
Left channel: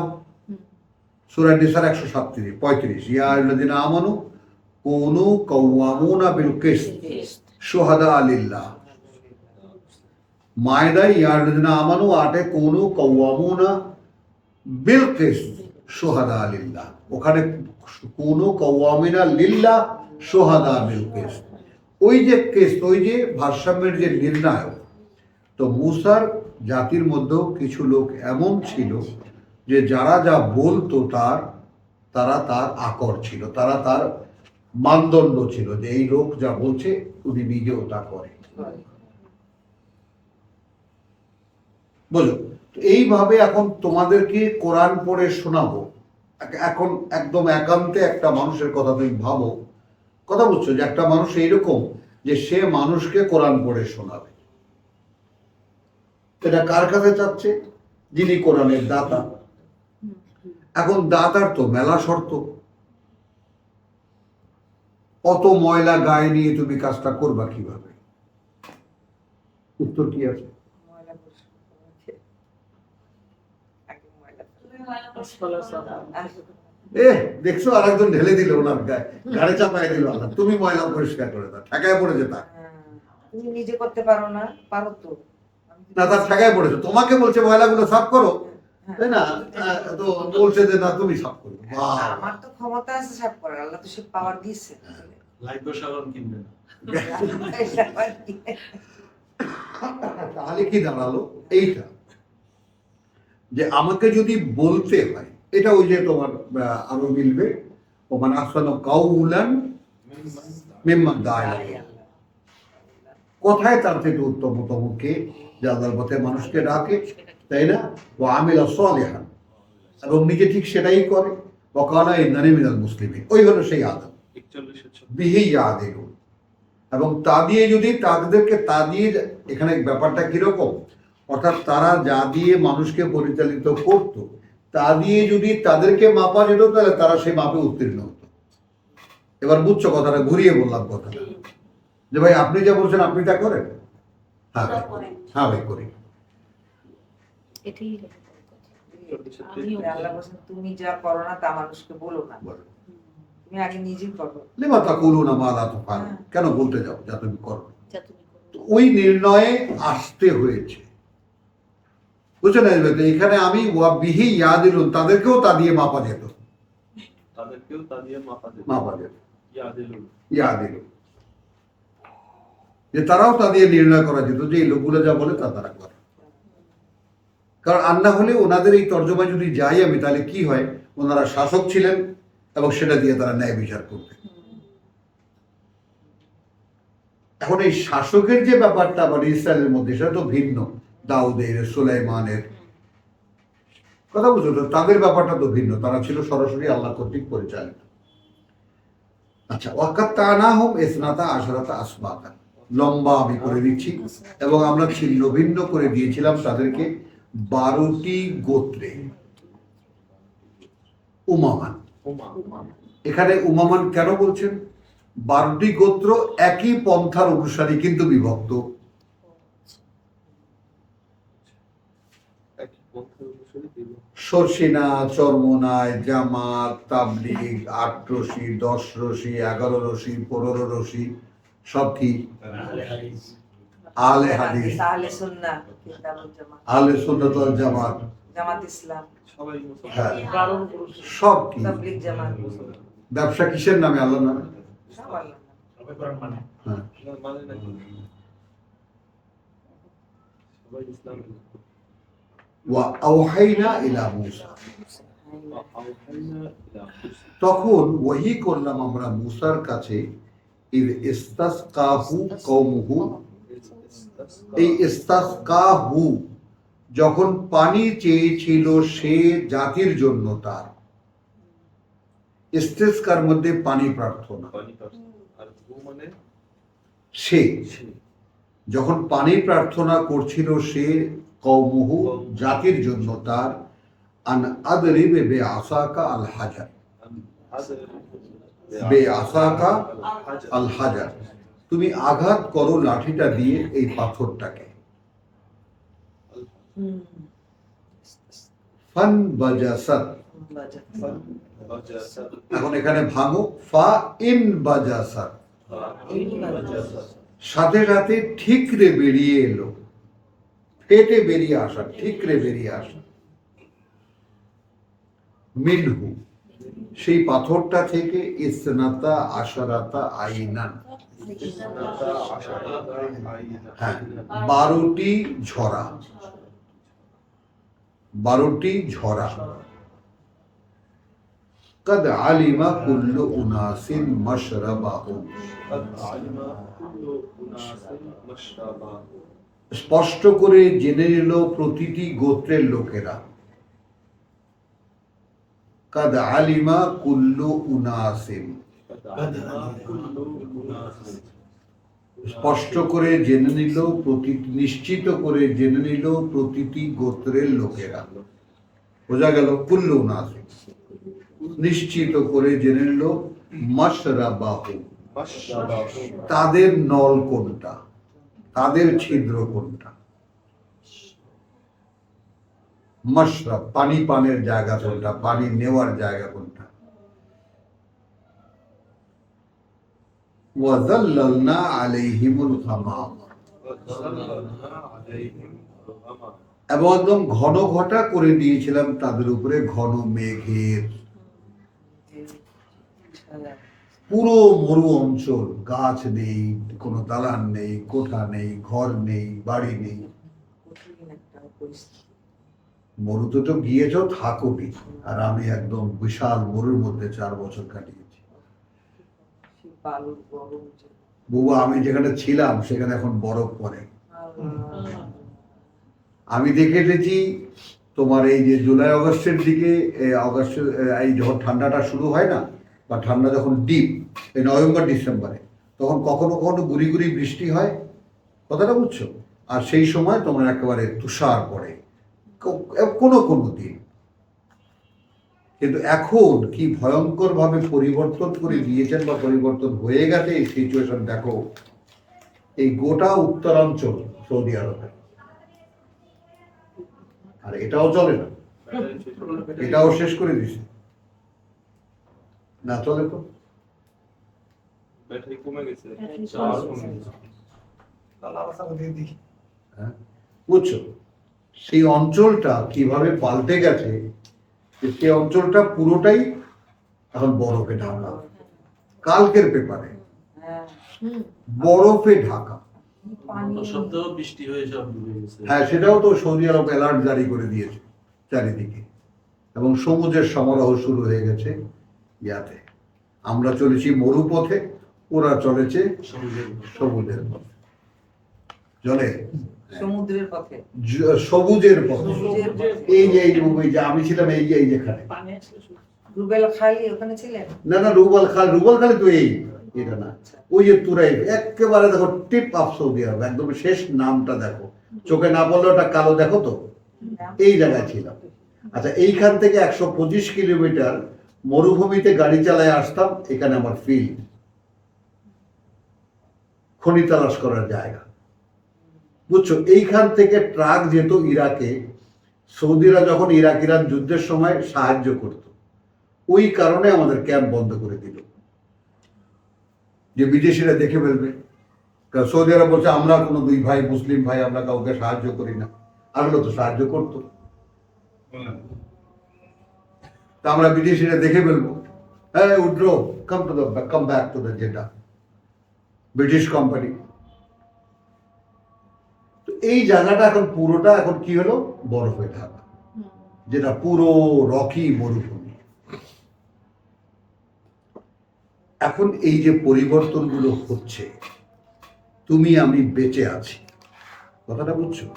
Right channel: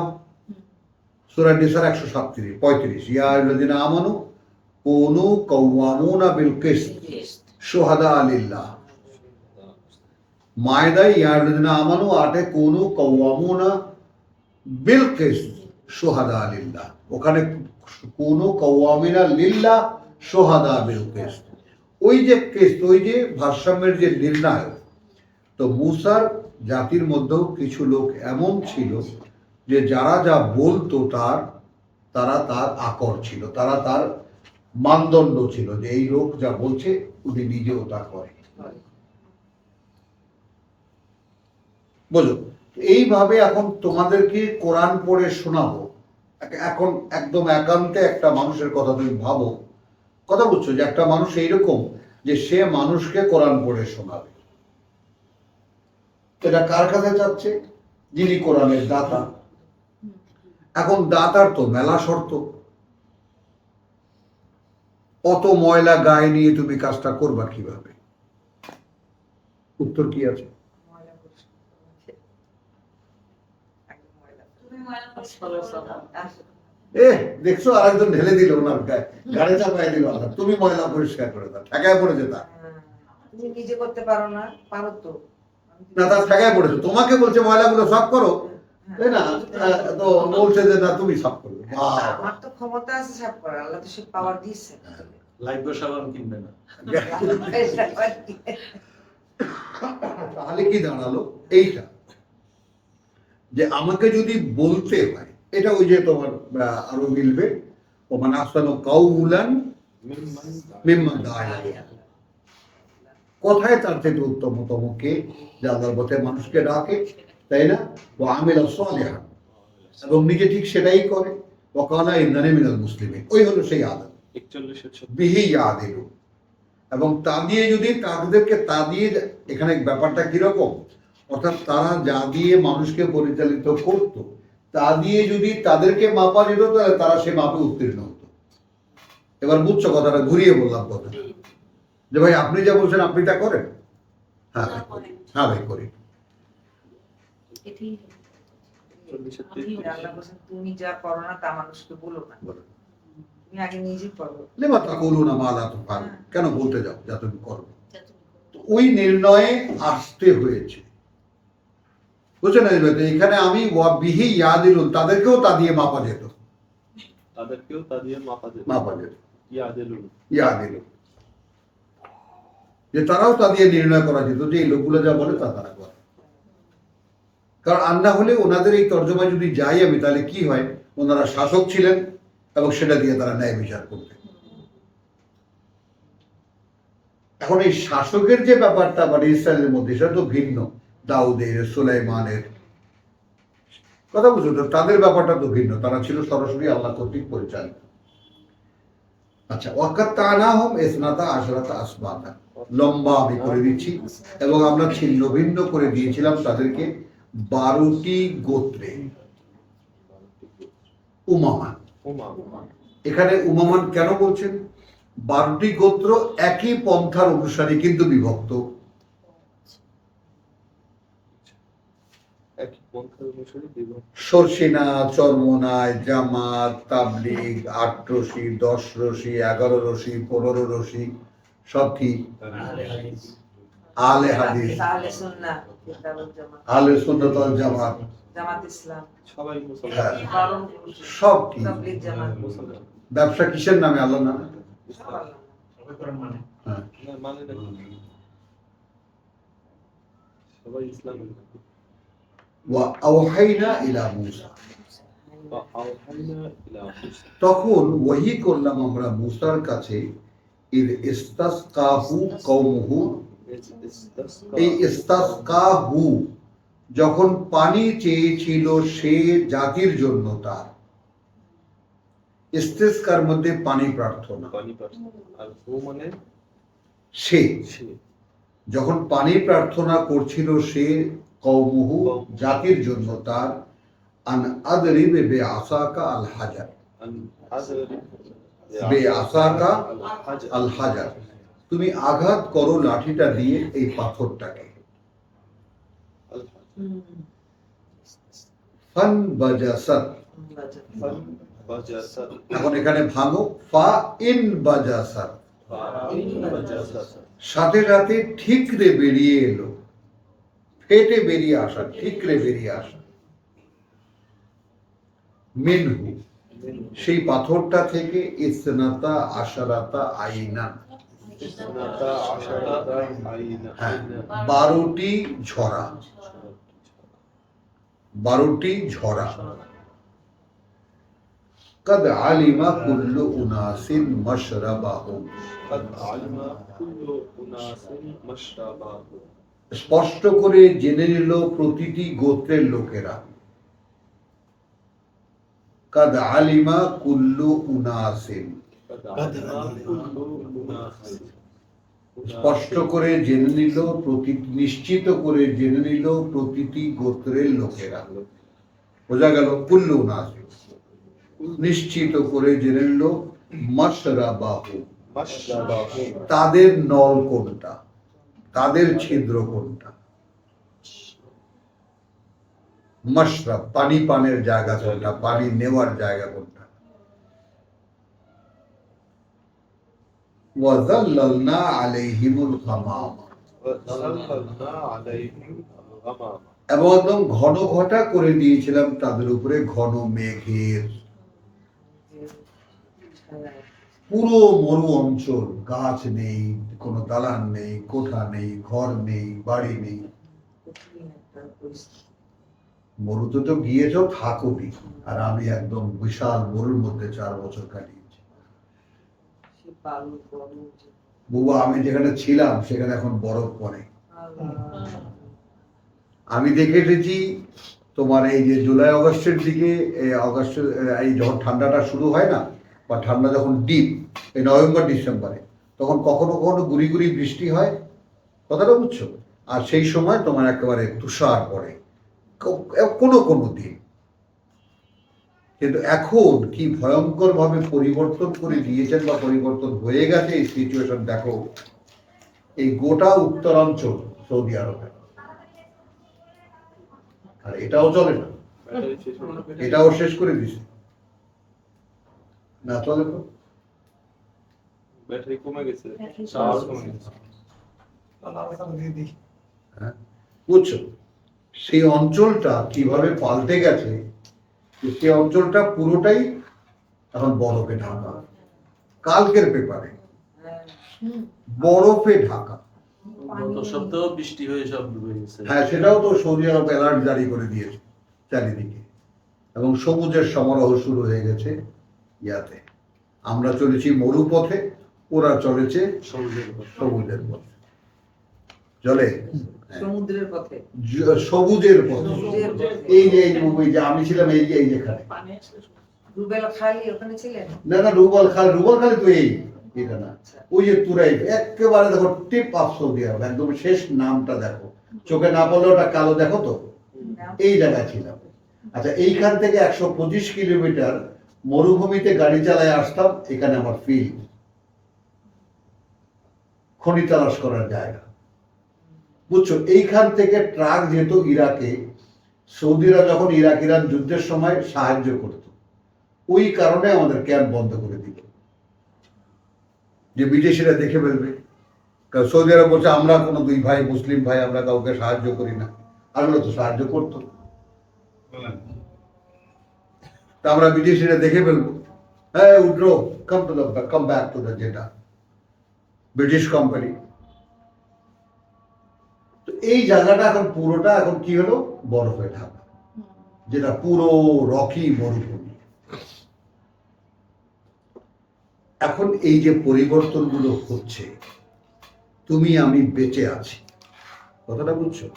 সূরা নিসার 137, ইয়া আইয়ুহাল্লাযীনা আমানু কুনু কাওয়ামুনা বিল কিসত শুহাদা লিল্লাহ। মায়দায় ইয়া আইয়ুহাল্লাযীনা আমানু 8 কুনু কাওয়ামুনা বিল কিসত শুহাদা লিল্লাহ, ওখানে কুনু কাওয়ামিনা লিল্লাহ শুহাদা বিল কিসত। ওই যে কিসত, ওই যে ভারসাম্যের যে নির্ণায়ক। তো মূসার জাতির মধ্যেও কিছু লোক এমন ছিল যে যারা যা বলতো তারা তার আকর ছিল, তারা তার মানদণ্ড ছিল, যে এই লোক যা বলছে উনি নিজেও তা করে। বুঝো? তো এইভাবে এখন তোমাদেরকে কোরআন পড়ে শোনাবো। এখন একদম একান্তে একটা মানুষের কথা তুমি ভাবো, কথা বুঝছো? যে একটা মানুষ এইরকম যে সে মানুষকে কোরআন পড়ে শোনাবে। এটা কার কাছে চাচ্ছে? যিনি কোরআনের দাতা। এখন দাতার তো মেলা শর্ত। অত ময়লা গায়ে নিয়ে তুমি কাজটা করবা কিভাবে? উত্তর কি আছে? ময়লা পরিষ্কার করতে হবে। একদম ময়লা। দেখছো আরেকজন ঢেলে দিল ওনার গায়ে, গাড়ি চাপায় দিল। আল্লাহ, তুমি ময়লা পরিষ্কার করে দাও। ঠেকায় পড়েছে তা। তুমি নিজে করতে পারো না? পারো তো। না, তার ঠেকায় পড়েছে। তোমাকে বলছে ময়লাগুলো সাফ করো, তাই না? তো বলছে যে না তুমি সাফ করবে। আমার তো ক্ষমতা আছে সাফ করার, আল্লাহ তো সে পাওয়ার দিয়েছে। লাইফ সাবান কিনবে না। তাহলে কি দাঁড়ালো? এইটা যে আমাকে যদি বলতে হয়, এটা ওই যে তোমার আরো মিলবে, ও মানে আহসানু কাউলান মিম্মান দাআ ইলাল্লাহ। কথায় তার থেকে উত্তমতম কে? যে আল্লাহর পথে মানুষকে ডাকে, তাই না? ও আমিলা সালিহান, এবং নিজে ঠিক সেটাই করে। ওয়া কানা ইন্নানি মিনাল মুসলিমিন, ওই হলো সেই আদম। 41 বিহি ইয়াদিলু, এবং তা দিয়ে যদি তাদেরকে তা দিয়ে, এখানে ব্যাপারটা কিরকম, অর্থাৎ তারা যা দিয়ে মানুষকে পরিচালিত করত তা দিয়ে যদি তাদেরকে মাপা যেত, তাহলে তারা সে মাপে উত্তীর্ণ হতো। এবার বুঝছো কথাটা? ঘুরিয়ে বললাম কথাটা, যে ভাই আপনি যা বলছেন আপনি তা করেন। হ্যাঁ ভাই করি, হ্যাঁ ভাই করি। এটাই আল্লাহ বলছেন তুমি যা করো না তা মানুষকে বলো না, বলো। তুমি আগে নিজেই করো। লিমা তাকুলুনা মা লা তাফআলুন, কেন বলতে যাও যা তুমি করো না? যা তুমি করো। তো ওই নির্ণয়ে আসতে হয়েছে। বুঝছেন না? তো এখানে আমি ওয়া বিহি ইয়াদিলুন, তাদেরকেও তা দিয়ে মাপা যেত, তাদেরকেও তা দিয়ে মাপা যেত, ইয়াদেলুন। ইয়াদিলুন, যে তারাও তা দিয়ে নির্ণয় করা যেত যে এই লোকগুলো যা বলে তা তারা করে। কারণ আর না হলে ওনাদের এই তর্জমায় যদি যাই আমি, তাহলে কি হয়, ওনারা শাসক ছিলেন এবং সেটা দিয়ে তারা ন্যায় বিচার করতেন। এখন এই শাসকের যে ব্যাপারটা মানে ইসরায়েলের মধ্যে, সেটা তো ভিন্ন, দাউদের, সুলাইমানের কথা বুঝছো তো, তাদের ব্যাপারটা তো ভিন্ন, তারা ছিল সরাসরি আল্লাহ কর্তৃক পরিচালিত। আচ্ছা, ওয়াকাত তানাহুম ইসনাতা আশরাতা আসবাতা, লম্বা আমি করে দিচ্ছি, এবং আমরা ছিন্ন ভিন্ন করে দিয়েছিলাম তাদেরকে 12টি গোত্রে। উমামান, এখানে উমামান কেন বলছেন? 12টি গোত্র একই পন্থার অনুসারী কিন্তু বিভক্ত। একই পন্থার অনুসারী বিভক্ত। সরসিনা, চরমোনাই, জামাত, তাবলিগ, 8 রশি, 10 রশি, 11 রশি, 15 রশি, সব কি আলে হাদিস, আহলে সুন্নাহ, কিতাবুল জামাত, আলে সুন্নাত ওয়াল জামাত, জামাত ইসলাম, সবাই হ্যাঁ, মুসলমান। সব কি তাবলীগ জামাত, ব্যবসা কিসের নামে? আল্লাহর নামে। সব আল্লাহ। হ্যাঁ, না, মানে নাকি সবাই ইসলাম। ওয়া আওহাইনা ইলা মূসা, বা আওহাইনা ইলা মুসা। তখন ওহী করলাম আমরা মূসার কাছে, ইদ ইস্তাসকাহু কওমুহু, এই ইস্তাসকাহু যখন পানি চেয়েছিল সে জাতির জন্য তার, ইস্তিসকার মধ্যে পানি প্রার্থনা, পানি প্রার্থনা। আর ও মানে সে সে। যখন পানি প্রার্থনা করছিল সে, কওমুহু জাতির জন্য তার, আন আদরিবে বে আসাকা আল হাজার, বে আসাকা আল হাজার, তুমি আঘাত করো লাঠিটা দিয়ে এই পাথরটাকে। ফান বাজাসাত, এখন এখানে ভাঙো, ফা ইন বাজাসাত, সাথে সাথে ঠিকরে বেরিয়ে এলো, ফেটে বেরিয়ে আসা, ঠিকরে বেরিয়ে আসা, মিনহু সেই পাথরটা থেকে, ইসনাতা আশারাতা আইনান, হ্যাঁ, 12টি ঝরা, 12টি ঝরা। কদ আলিমা কুল্লু উনাসিন মাশরাবাহুম, স্পষ্ট করে জেনে নিল প্রতিটি গোত্রের লোকেরা। কদ আলিমা কুল্লু উনাসিন, স্পষ্ট করে জেনে নিল, নিশ্চিত করে জেনে নিল প্রতিটি গোত্রের লোকেরা। বোঝা গেল কুল্লু উনাসিন, নিশ্চিত করে জেনে নিল, মাশরাবাহু তাদের নল কোনটা, তাদের ছিদ্র কোনটা, মাশরাব পানি পানের জায়গা কোনটা, পানি নেওয়ার জায়গা কোনটা। ওয়াযাল্লালনা আলাইহিমুল গামাম, এবং একদম ঘন ঘটা করে দিয়েছিলাম তাদের উপরে ঘন মেঘের, পুরো মরু অঞ্চল, গাছ নেই, কোনো দালান নেই, কোঠা নেই, ঘর নেই, বাড়ি নেই। মরুতে তো গিয়েছ, থাকোনি, আর আমি একদম বিশাল মরুর মধ্যে 4 বছর কাটিয়েছি। বুবা, আমি যেখানে ছিলাম সেখানে এখন বরফ পড়ে। আমি দেখে এসেছি তোমার এই যে জুলাই অগস্টের দিকে, অগস্টের এই যখন ঠান্ডাটা শুরু হয় না, বা ঠান্ডা যখন ডিপ, এই নভেম্বর ডিসেম্বরে, তখন কখনো কখনো গুড়ি গুড়ি বৃষ্টি হয়, কথাটা বুঝছো? আর সেই সময় তোমার একেবারে তুষার পড়ে কোনো কোনো দিন। কিন্তু এখন কি ভয়ঙ্কর ভাবে পরিবর্তন করে দিয়েছেন, বা পরিবর্তন হয়ে গেছে এই সিচুয়েশন। দেখো, এই গোটা উত্তরাঞ্চল সৌদি আরবে, আর এটাও চলে না, এটাও শেষ করে দিছে না, চলে তো। ব্যাটারি কমে গেছে। হ্যাঁ, বুঝছো? সেই অঞ্চলটা কিভাবে পাল্টে গেছে, যে সেই অঞ্চলটা পুরোটাই এখন বরফে ঢাকা। কালকের পেপারে হ্যাঁ, বরফে ঢাকা। পানি গত সপ্তাহ বৃষ্টি হয়ে সব ডুবে গেছে। হ্যাঁ, সেটাও তো সৌদি আরব অ্যালার্ট জারি করে দিয়েছে চারিদিকে, এবং সবুজের সমারোহ শুরু হয়ে গেছে ইয়াতে। আমরা চলেছি মরুপথে, ওরা চলেছে সবুজের উপর। সবুজের পথে। চলে সমুদ্রের পথে। সবুজের পথে। সবুজের পথে। এই যে আমি ছিলাম এই যেখানে, পানি আসলে শুধু- রুবেল খালি ওখানে ছিলেন? না রুবাল খালি তো এই এটা না, ওই যে তুরাই একেবারে দেখো টিপ অফ সৌদি আরব, একদম শেষ নামটা দেখো, চোখে না পড়লে ওটা কালো দেখো তো, এই জায়গায় ছিলাম। আচ্ছা, এইখান থেকে 125 কিলোমিটার মরুভূমিতে গাড়ি চালায় আসতাম, এখানে আমার ফিল্ড, খনি তালাশ করার জায়গা, বুঝছো? এইখান থেকে ট্রাক যেত ইরাকে, সৌদিরা যখন ইরাক ইরান যুদ্ধের সময় সাহায্য করত, ওই কারণে আমাদের ক্যাম্প বন্ধ করে দিল, যে বিদেশিরা দেখে ফেলবে। কারণ সৌদি আরব বলছে আমরা কোনো দুই ভাই মুসলিম ভাই, আমরা কাউকে সাহায্য করি না। আগলো তো সাহায্য করতো, তা আমরা বিদেশিরা দেখে ফেলবো, হ্যাঁ Woodrow come back to the যেটা ব্রিটিশ কোম্পানি। তো এই জায়গাটা এখন পুরোটা এখন কি হলো, বরফে ঢাকা, যেটা পুরো রকি মরুভূমি। এখন এই যে পরিবর্তনগুলো হচ্ছে, তুমি আমি বেঁচে আছি, কথাটা বুঝছো?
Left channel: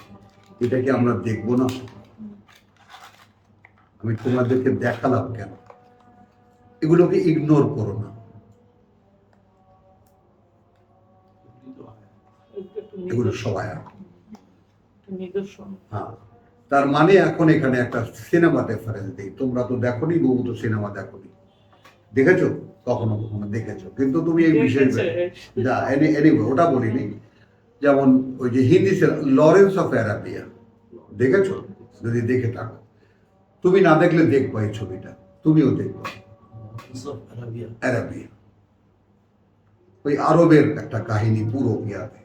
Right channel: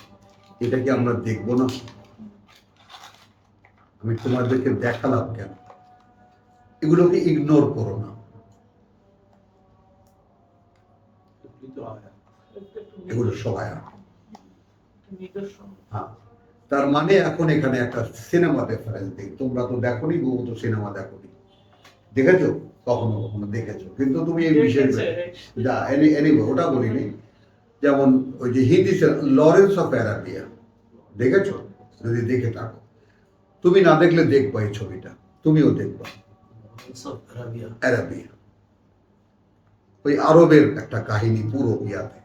এটা কি আমরা দেখবো না? আমি তোমাদেরকে দেখালাম কেন, এগুলোকে ইগনোর করো না, এগুলো সবাই নিদর্শন। হ্যাঁ। তার মানে এখন এখানে একটা সিনেমা রেফারেন্স দিই, তোমরা তো দেখোনি, বহু তো সিনেমা দেখোনি, দেখেছো কখনো কখনো দেখেছো, কিন্তু তুমি এই বিশেষ যা এনিওয়ে ওটা বলিনি। যেমন ওই যে হিন্দি লরেন্স অফ অ্যারাবিয়া দেখেছো? যদি দেখে থাকো, তুমি না দেখলে দেখবা এই ছবিটা, তুমিও দেখবা। অ্যারাবিয়া ওই আরবের একটা কাহিনী পুরো ইয়াতে,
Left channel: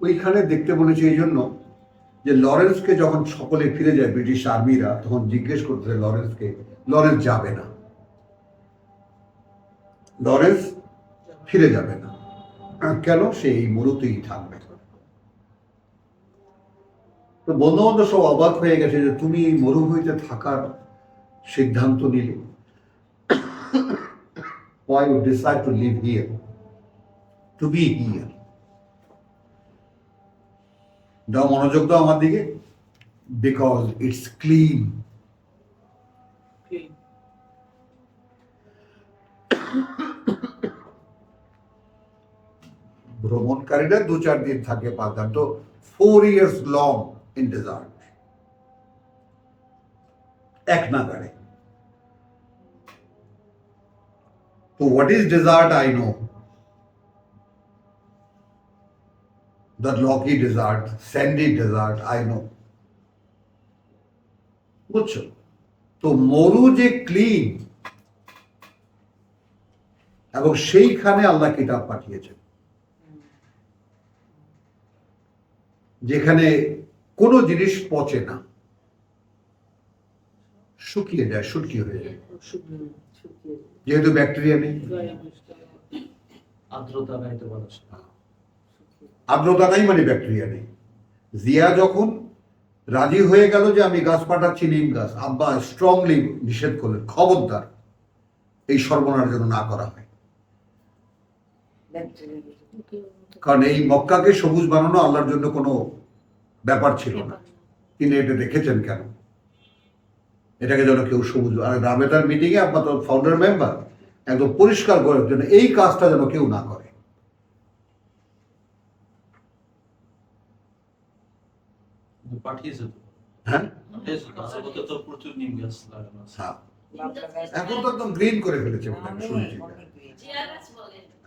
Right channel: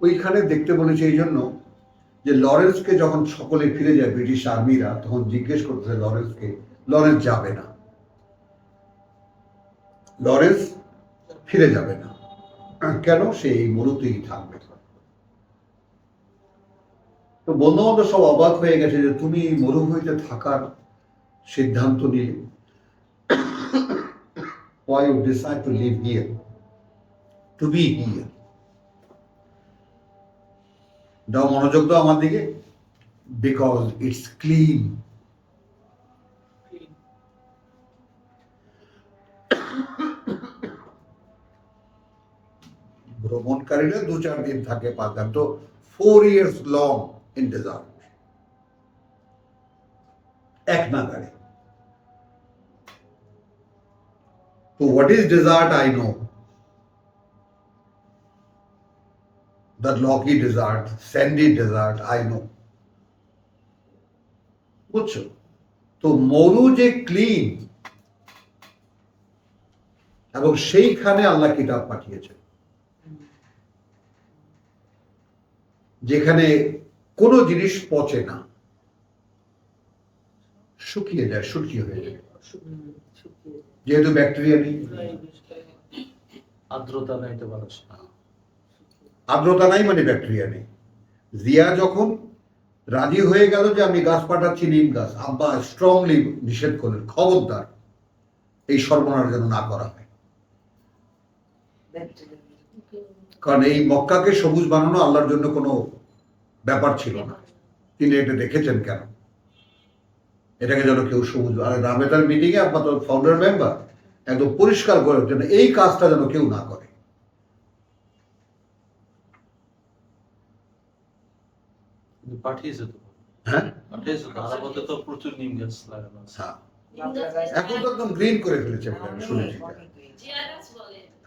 ওইখানে দেখতে বলেছে এই জন্য যে লরেন্সকে যখন সকলে ফিরে যায় ব্রিটিশ আর্মিরা, তখন জিজ্ঞেস করতেছে লরেন্সকে, লরেন্স যাবে না, লরেন্স ফিরে যাবে না কেন? সে এই মরুতেই থাকবে। তো বন্ধু বান্ধব সব অবাক হয়ে গেছে যে তুমি মরুভূমিতে থাকার সিদ্ধান্ত নিলে, why you decide to live here, to be here? দাও মনোযোগ দাও আমার দিকে, বিকজ ইটস ক্লিন। ভ্রমণকারীরা 2-4 দিন থাকে, পারতাম তো 4 years long in desert, এক নাগারে। তো what is desert I know, the rocky desert, sandy desert I know, বুঝছো? তো মরু যে ক্লিন, এবং সেইখানে আল্লাহ কিতাব পাঠিয়েছেন, যেখানে কোনো জিনিস পচে না, শুকিয়ে যায়, শুটকি হয়ে যায়, যেহেতু ব্যাকটেরিয়া নেই, আর্দ্রতা নাই তো মানুষ। আর্দ্রতা নাই মানে ব্যাকটেরিয়া নেই। জিয়া যখন রাজি হয়ে গেল যে আমি গাছ পাঠাচ্ছি, নিম গাছ, আব্বা স্ট্রংলি নিষেধ করলেন, খবরদার এই সর্বনাশ যেন না করা হয়, কারণ এই মক্কাকে সবুজ বানানো আল্লাহর জন্য কোনো ব্যাপার ছিল না। তিনি এটা দেখেছেন কেন, এটাকে যেন কেউ সবুজ, আর রাবেতার মিটিংয়ে আব্বা তো ফাউন্ডার মেম্বার, একদম পরিষ্কার করার জন্য এই কাজটা যেন কেউ না করে। পাঠিয়েছে তো, হ্যাঁ পাঠিয়েছে তো, আরাফাতে তো প্রচুর নিম গাছ লাগানো আছে। হ্যাঁ, এখন তো একদম গ্রিন করে ফেলেছে বলে আমি শুনেছি।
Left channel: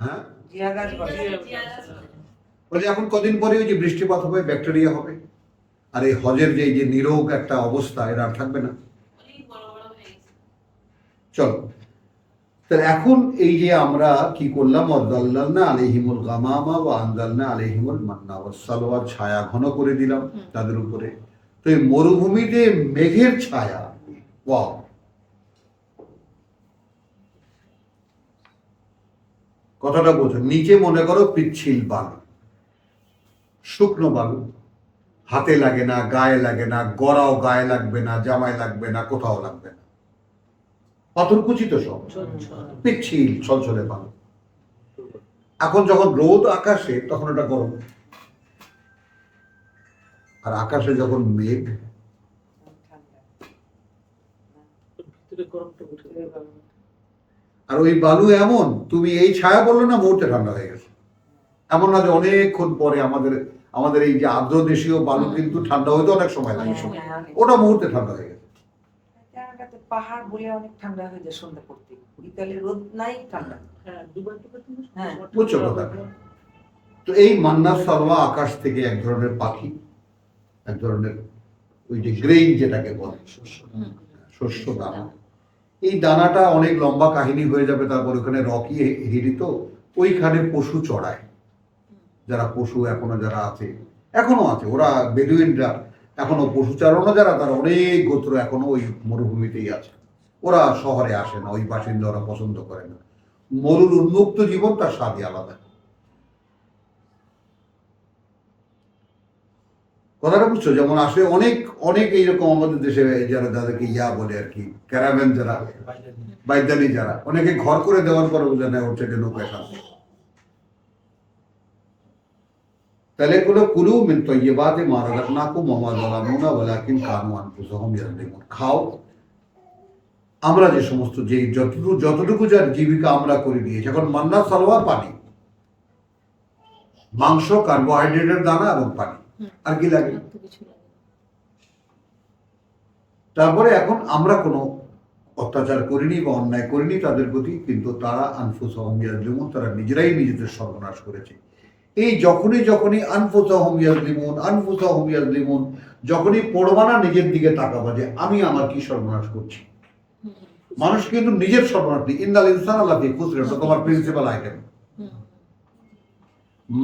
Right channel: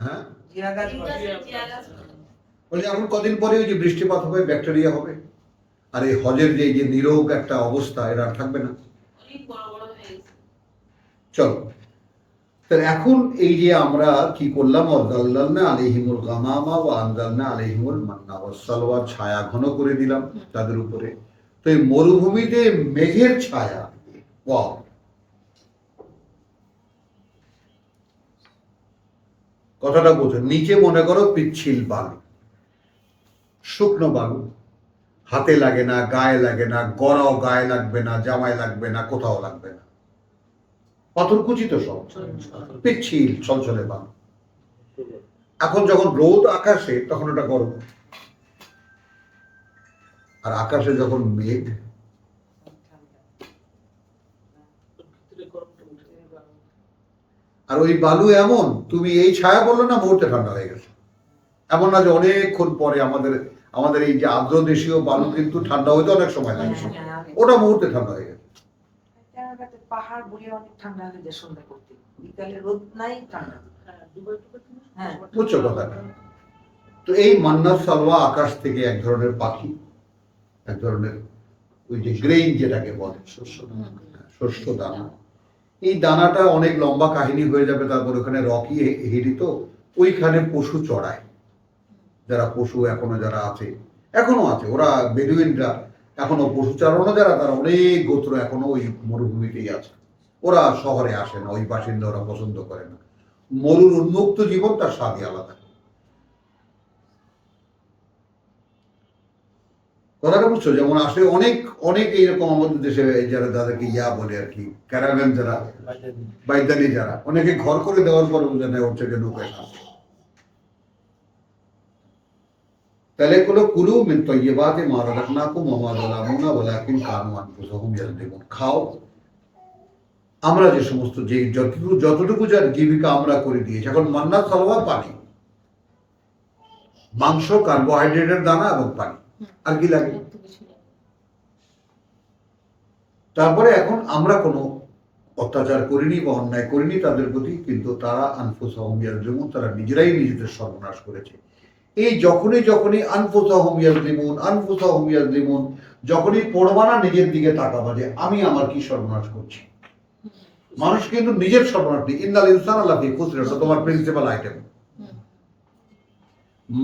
হ্যাঁ, জিয়া গাছ বলে। বলে এখন কদিন পরে ওই যে বৃষ্টিপাত হবে, ব্যাকটেরিয়া হবে, আর এই হজের যে এই যে নিরোগ একটা অবস্থা, এরা আর থাকবে না। চলো, তাহলে এখন এই যে আমরা কি করলাম, ওয়াযাল্লালনা আলাইহিমুল গামামা ওয়া আনজালনা আলাইহিমুল মান্না ওয়াস সালওয়া, ছায়া ঘন করে দিলাম তাদের উপরে। তো এই মরুভূমিতে মেঘের ছায়া, ওয়াও। কথাটা বোঝো, নিচে মনে করো পিচ্ছিল বালু, শুকনো বালু, হাতে লাগে না, গায়ে লাগে না, গড়াও গায়ে লাগবে না, জামায় লাগবে না, কোথাও লাগবে না, পাথরকুচি তো সব, পিচ্ছিল ছলছলে বালু। এখন যখন রোদ আকাশে তখন ওটা গরম, আর আকাশে যখন মেঘ, ভিতরে গরমটা উঠে গেল। আর ওই বালু এমন, তুমি এই ছায়া বললো না, মুহূর্তে ঠান্ডা হয়ে গেছে। এমন না যে অনেকক্ষণ পরে, আমাদের এই যে আর্দ্র দেশীয় বালু কিন্তু ঠান্ডা হইতে অনেক সময় লাগে, ওটা মুহূর্তে ঠান্ডা হয়ে গেছে। কানাডাতে পাহাড় বলে অনেক ঠান্ডা হয়ে যায় সন্ধ্যা করতে, বিকালে রোদ নাই, ঠান্ডা। হ্যাঁ, দুবাই টুবাই তো হ্যাঁ। বুঝছো কথাটা? তো এই মান্না সালওয়া আকাশ থেকে এক ধরনের পাখি, এক ধরনের ওই যে গ্রেইন যেটাকে বলে, শস্য দানা। এই দানাটা অনেক লম্বা কাহিনী হয়ে যাবে। তারপর ওখানে রকি হিলি, তো ওইখানে পশু চড়ায়, যারা পশু এখনো যারা আছে, এখনো আছে, ওরা বেদুইনরা এখনো পশু চারণও যারা, তার অনেক গোত্র এখনো ওই মরুভূমিতেই আছে। ওরা শহরে আসে না, ওই বাসিন্দা ওরা পছন্দ করে না। মরুর উন্মুক্ত জীবন তার স্বাদই আলাদা। কথাটা বুঝছো? যেমন আসে অনেক অনেক এইরকম আমাদের দেশে যারা যাদেরকে ইয়া বলে আর কি, ক্যারাভ্যান যারা, বাইদানি যারা, অনেকে ঘর করে দেওয়ার পরে বোঝে না ওর থেকে নৌকায় খাচ্ছে। তাহলে কোনো কুলু মিন তাইয়্যিবাতি মা রাযাকনাকুম ওয়া মা যালামুনা ওয়ালাকিন কানু আনফুসাহুম ইয়াযলিমুন। খাও আমরা যে সমস্ত, যে যতটুকু যার জীবিকা আমরা করে দিয়েছি। এখন মান্না সালওয়া পানি, মাংস, কার্বোহাইড্রেটের দানা এবং পানি, আর কি লাগে? তারপরে এখন আমরা কোনো অত্যাচার করিনি বা অন্যায় করিনি তাদের প্রতি, কিন্তু তারা আনফুসাহুম ইয়াযলিমুন, তারা নিজেরাই নিজেদের সর্বনাশ করেছে। এই যখনই আনফুসাহুম ইয়াযলিমুন, যখনই পড়বা না নিজের দিকে তাকাবা যে আমি আমার কি সর্বনাশ করছি। মানুষ কিন্তু নিজের সর্বনাশ নেই। ইন্নাল ইনসানা লাফি খুসর, এটা তোমার প্রিন্সিপাল আইটেম।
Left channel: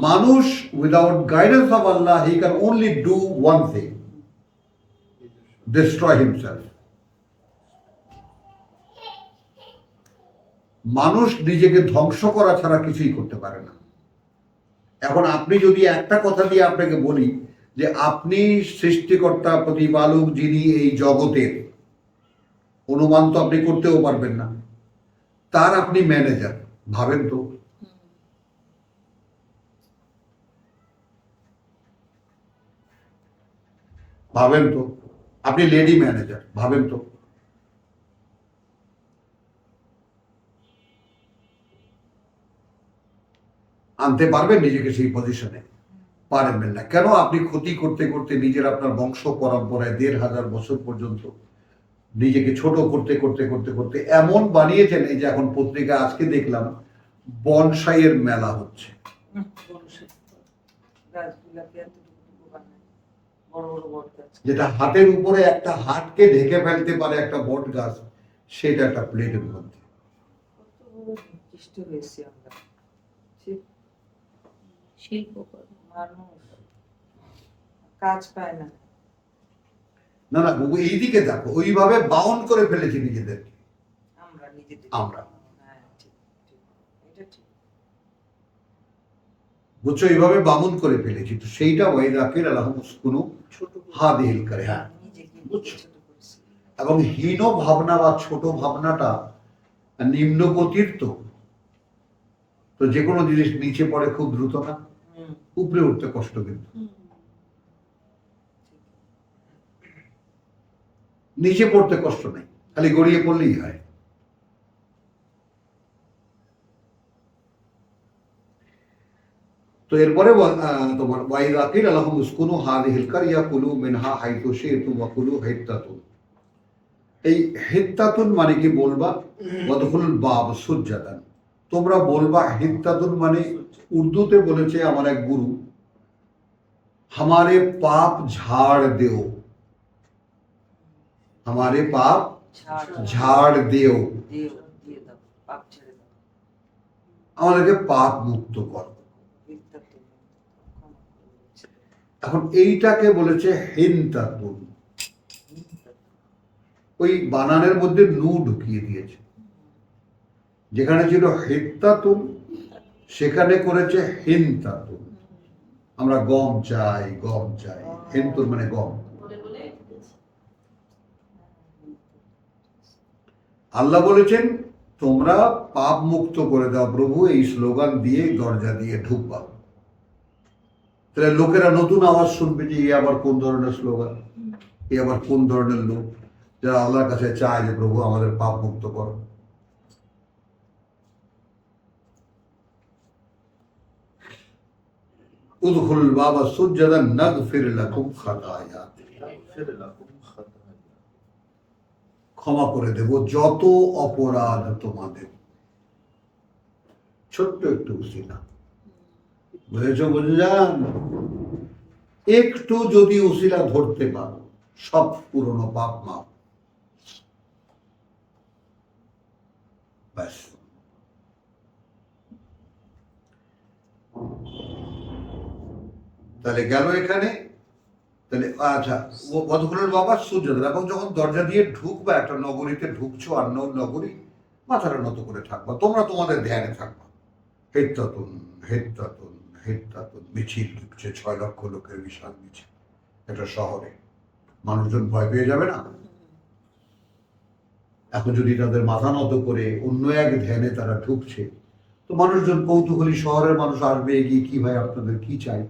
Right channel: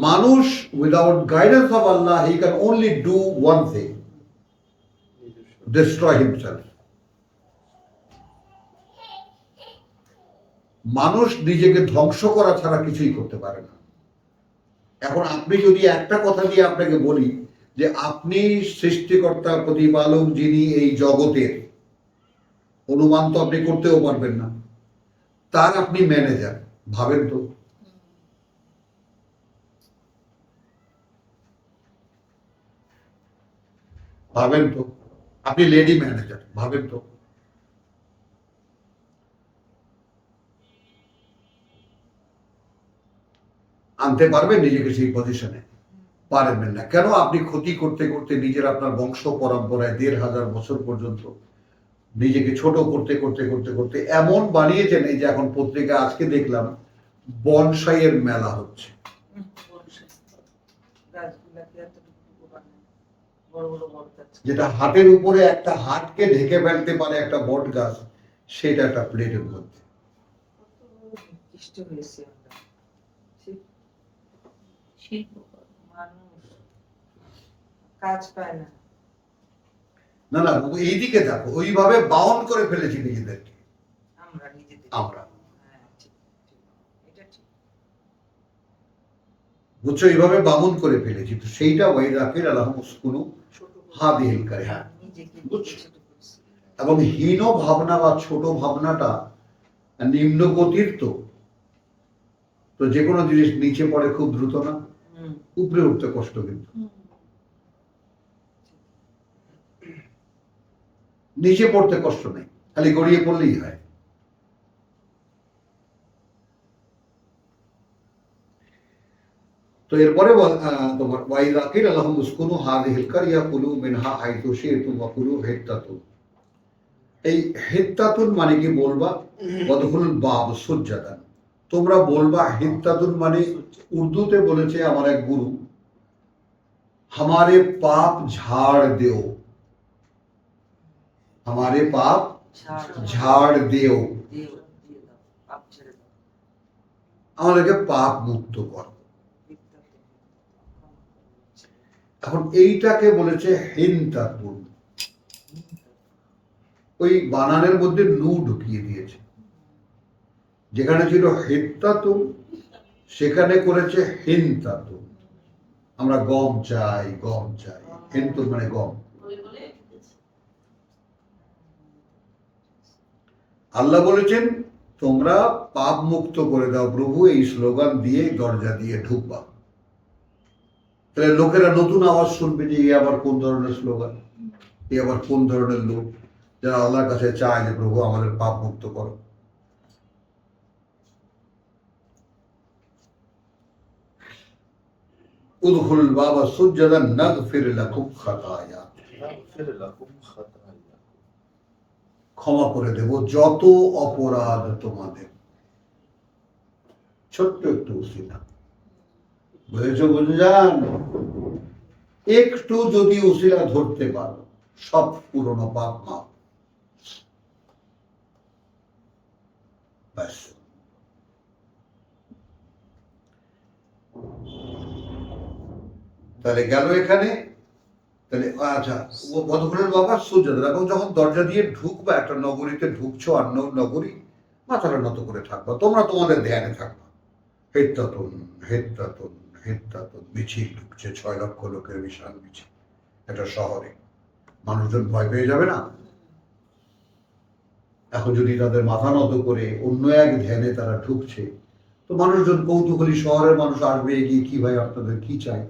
মানুষ without guidance of Allah, he can only do one thing, destroy himself. মানুষ নিজেকে ধ্বংস করা ছাড়া কিছুই করতে পারে না। এখন আপনি যদি একটা কথা দিয়ে আপনাকে বলি যে আপনি সৃষ্টিকর্তা, প্রতিপালক যিনি এই জগতের, অনুমান তো আপনি করতেও পারবেন না, তার আপনি ম্যানেজার, ভাবেন তো? ভাবেন তো? আপনি লেডি ম্যানেজার, ভাবেন তো? আনতে পারবেন নিজেকে সেই পজিশনে? পারবেন না। কেন? আপনি ক্ষতি করতে করতে নিজের, আপনার বংশ পরম্পরায় 1500 বছর পর্যন্ত নিজেকে ছোট করতে করতে করতে করতে এমন বানিয়েছেন, এই যে এখন পত্রিকা আজকে দেখলাম বনসাইয়ের মেলা হচ্ছে। বড় বড় বট গাছ। যেটা হাতের উপরে একটা হাতকে ঢেকে ফেলতে পারে একটা বট গাছ, সেটা একটা প্লেটের মধ্যে। কত বড় নিকৃষ্ট হয়েছে আমরা। শিল্পকর্ম। মানুষ কাজ পায় না। না না, এইদিকে দেখো, ওইভাবে বাউন্ড করে ফেলেছি নিজেদেরকে আমরা নিজেদের। আমরা। হ্যাঁ, ঠিক, ঠিক। এটা ঠিক। বুঝছো, এইভাবে বামুন করে ফেলেছি। তো সেইটা ওয়াইদাকির আলাহুম উসকুনু হাদিহিল করে। হ্যাঁ, নিজেকে বুঝছো? ছোট করছি। এবং হীন ভাবনা বা ছোট ভাবনাটা নিম্ন গতির, তো যে কোনো জিনিস নিচে পড়ে খুব দ্রুত না, উপরে উঠতে কষ্ট। কিন্তু নিচে পড়তে কষ্ট নেই, খালি গড়িয়ে পড়লেই হয়। তো এরপরে তোমার ওয়াইদাকির আলাহুম উসকুনু হাদিহিল কারিয়া কুলু মিনহা হাইতু শি'তুম ওয়া কুলু হিত্তাতুন। এই হিত্তাতুন মানে কি বলবা? ওয়াদখুলুল বাব সুজ্জাদান, তোমরা বলবা। হিত্তাতুন মানে উর্দুতে বলেছে আমার এক গুরু, हमारे पाप झाड़ देओ, हमारे पाप झाड़ देओ, দিয়ে দাও, পাপ ছেড়ে দাও। আমাদেরকে পাপ মুক্ত কর। বিদ্যাতে। এখন এইটাকে বলেছে হিনতাতুন। ওই বানানের মধ্যে নু ঢুকিয়ে দিয়েছে। যেখানে ছিল হিত্তাতুন সেখানে করেছে হিনতাতুন। আমরা গম চাই, গম চাই, হিন্তুন মানে গম। আল্লাহ বলেছেন তোমরা পাপ মুক্ত করে দাও প্রভু, এই স্লোগান দিয়ে দরজা দিয়ে ঢুকবা। তাহলে লোকেরা নতুন আওয়াজ শুনবে যে এ আবার কোন ধরনের স্লোগান, এ আবার কোন ধরনের লোক যারা আল্লাহর কাছে চায় যে প্রভু আমাদের পাপ মুক্ত করো। উদখুলুল বাবা সুজ্জাদান নাগফির লাকুম খাতায়া, ক্ষমা করে দেব যত অপরাধ তোমাদের। ছোট্ট একটু উসিলা, বুঝেছো বুঝলাম? একটু যদি উসিলা ধরতে পারো সব পুরনো পাপ মাপ। ব্যাস। তাহলে গেল এখানে। তাহলে আচ্ছা, বদখুলের বাবা সুজাদ, এবং যখন দরজা দিয়ে ঢুকবা, একটা নগরীতে ঢুকছো, অন্য নগরী, মাথাটা নত করে থাকবা, তোমরা তোমাদের ধ্যানে থাকবা। হেত্তাতুন হেত্তাতুন হেত্তাতুন, মিছিল ঢুকছে, 6 লক্ষ লোকের বিশাল মিছিল একটা শহরে। মানুষজন ভয় পেয়ে যাবে না? এখন যদি তাদের মাথা নত করে অন্য এক ধ্যানে তারা ঢুকছে, তো মানুষজন কৌতূহলী, শহরের মানুষ আসবে এগিয়ে, কি ভাই আপনাদের কি চাই,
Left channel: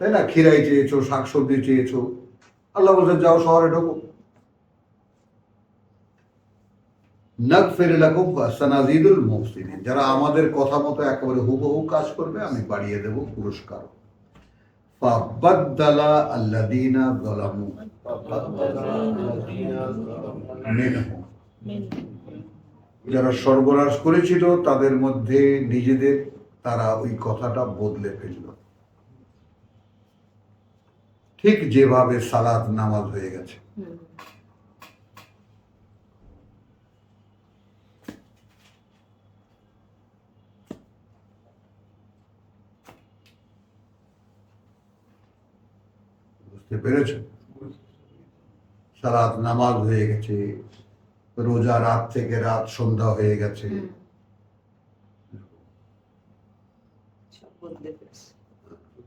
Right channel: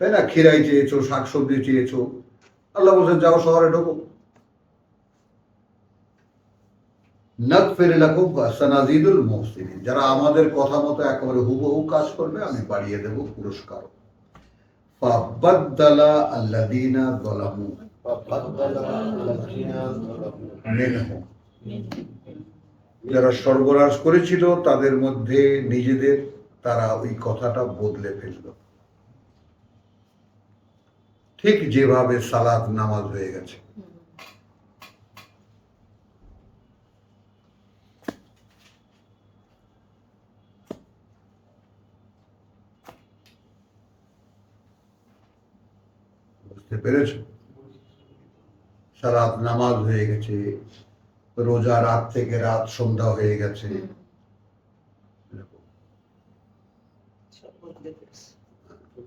তাই না? খিরাই চেয়েছো, শাকসবজি চেয়েছো, আল্লাহ বলছেন যাও শহরে ঢোকো। নাগফির লাকুম সানাজিদুল মুহসিনিন, যারা আমাদের কথা মতো একেবারে হুবহু কাজ করবে আমি বাড়িয়ে দেব পুরস্কার। ফাবাদদালা আল্লাযীনা যালামু মিনহুম, যারা সর্বনাশ করেছিল তাদের মধ্যে নিজেদের, তারা ওই কথাটা বদলে ফেলল। ঠিক যেভাবে সালাত নামাজ হয়ে গেছে। বুঝতে পেরেছ? সালাত নামাজ হয়ে গেছে, রোজা রাত থেকে রাত সন্ধ্যা হয়ে গেছে। সব বদলে ফেলছে।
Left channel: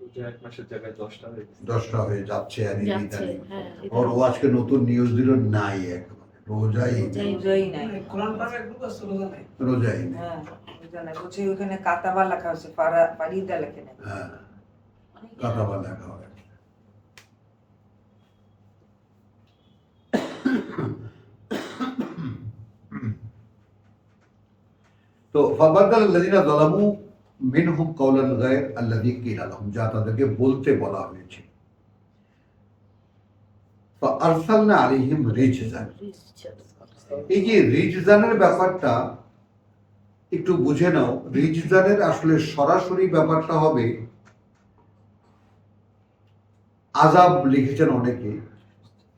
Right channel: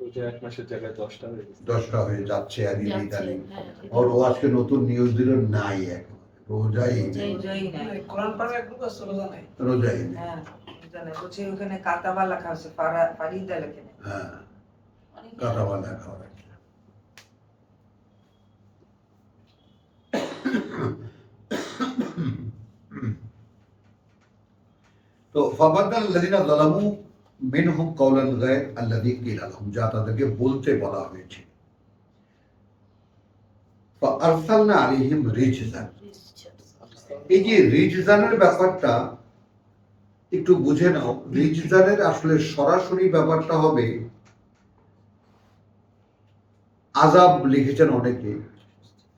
রোজা 1 মাসের জায়গায় 10টা হয়ে গেছে। 10টা হয়ে যাচ্ছে ইদানিং। হ্যাঁ, ওর ও আজকে নতুন নিউজ দিল, নাই একেবারে রোজাই নেই, রোজাই নাই। কোরআন পাড়া একটু কষ্ট রোজা নাই। রোজাই নেই। হ্যাঁ, রোজা নাই। বলছে ওখানে কাতাবা লেখা আছে, ফারিদা লেখে নাই। হ্যাঁ, কাটাবা লেখা হয়। তো ফাবাদদাল আল্লাযীনা যালামু মিনহুম কাওলান গায়র আল্লাযী কিলা লাহুম, যা তাদেরকে বলতে বলা হয়েছে। ফাআরসালনা আলাইহিম রিজজান, এই যে রিজজানের ব্যাপারটা একটু বুঝে নাও। রিজজানের আসলে সরাসরি ব্যাপারটা হবে আযাব, লিখেছেন অনেকে।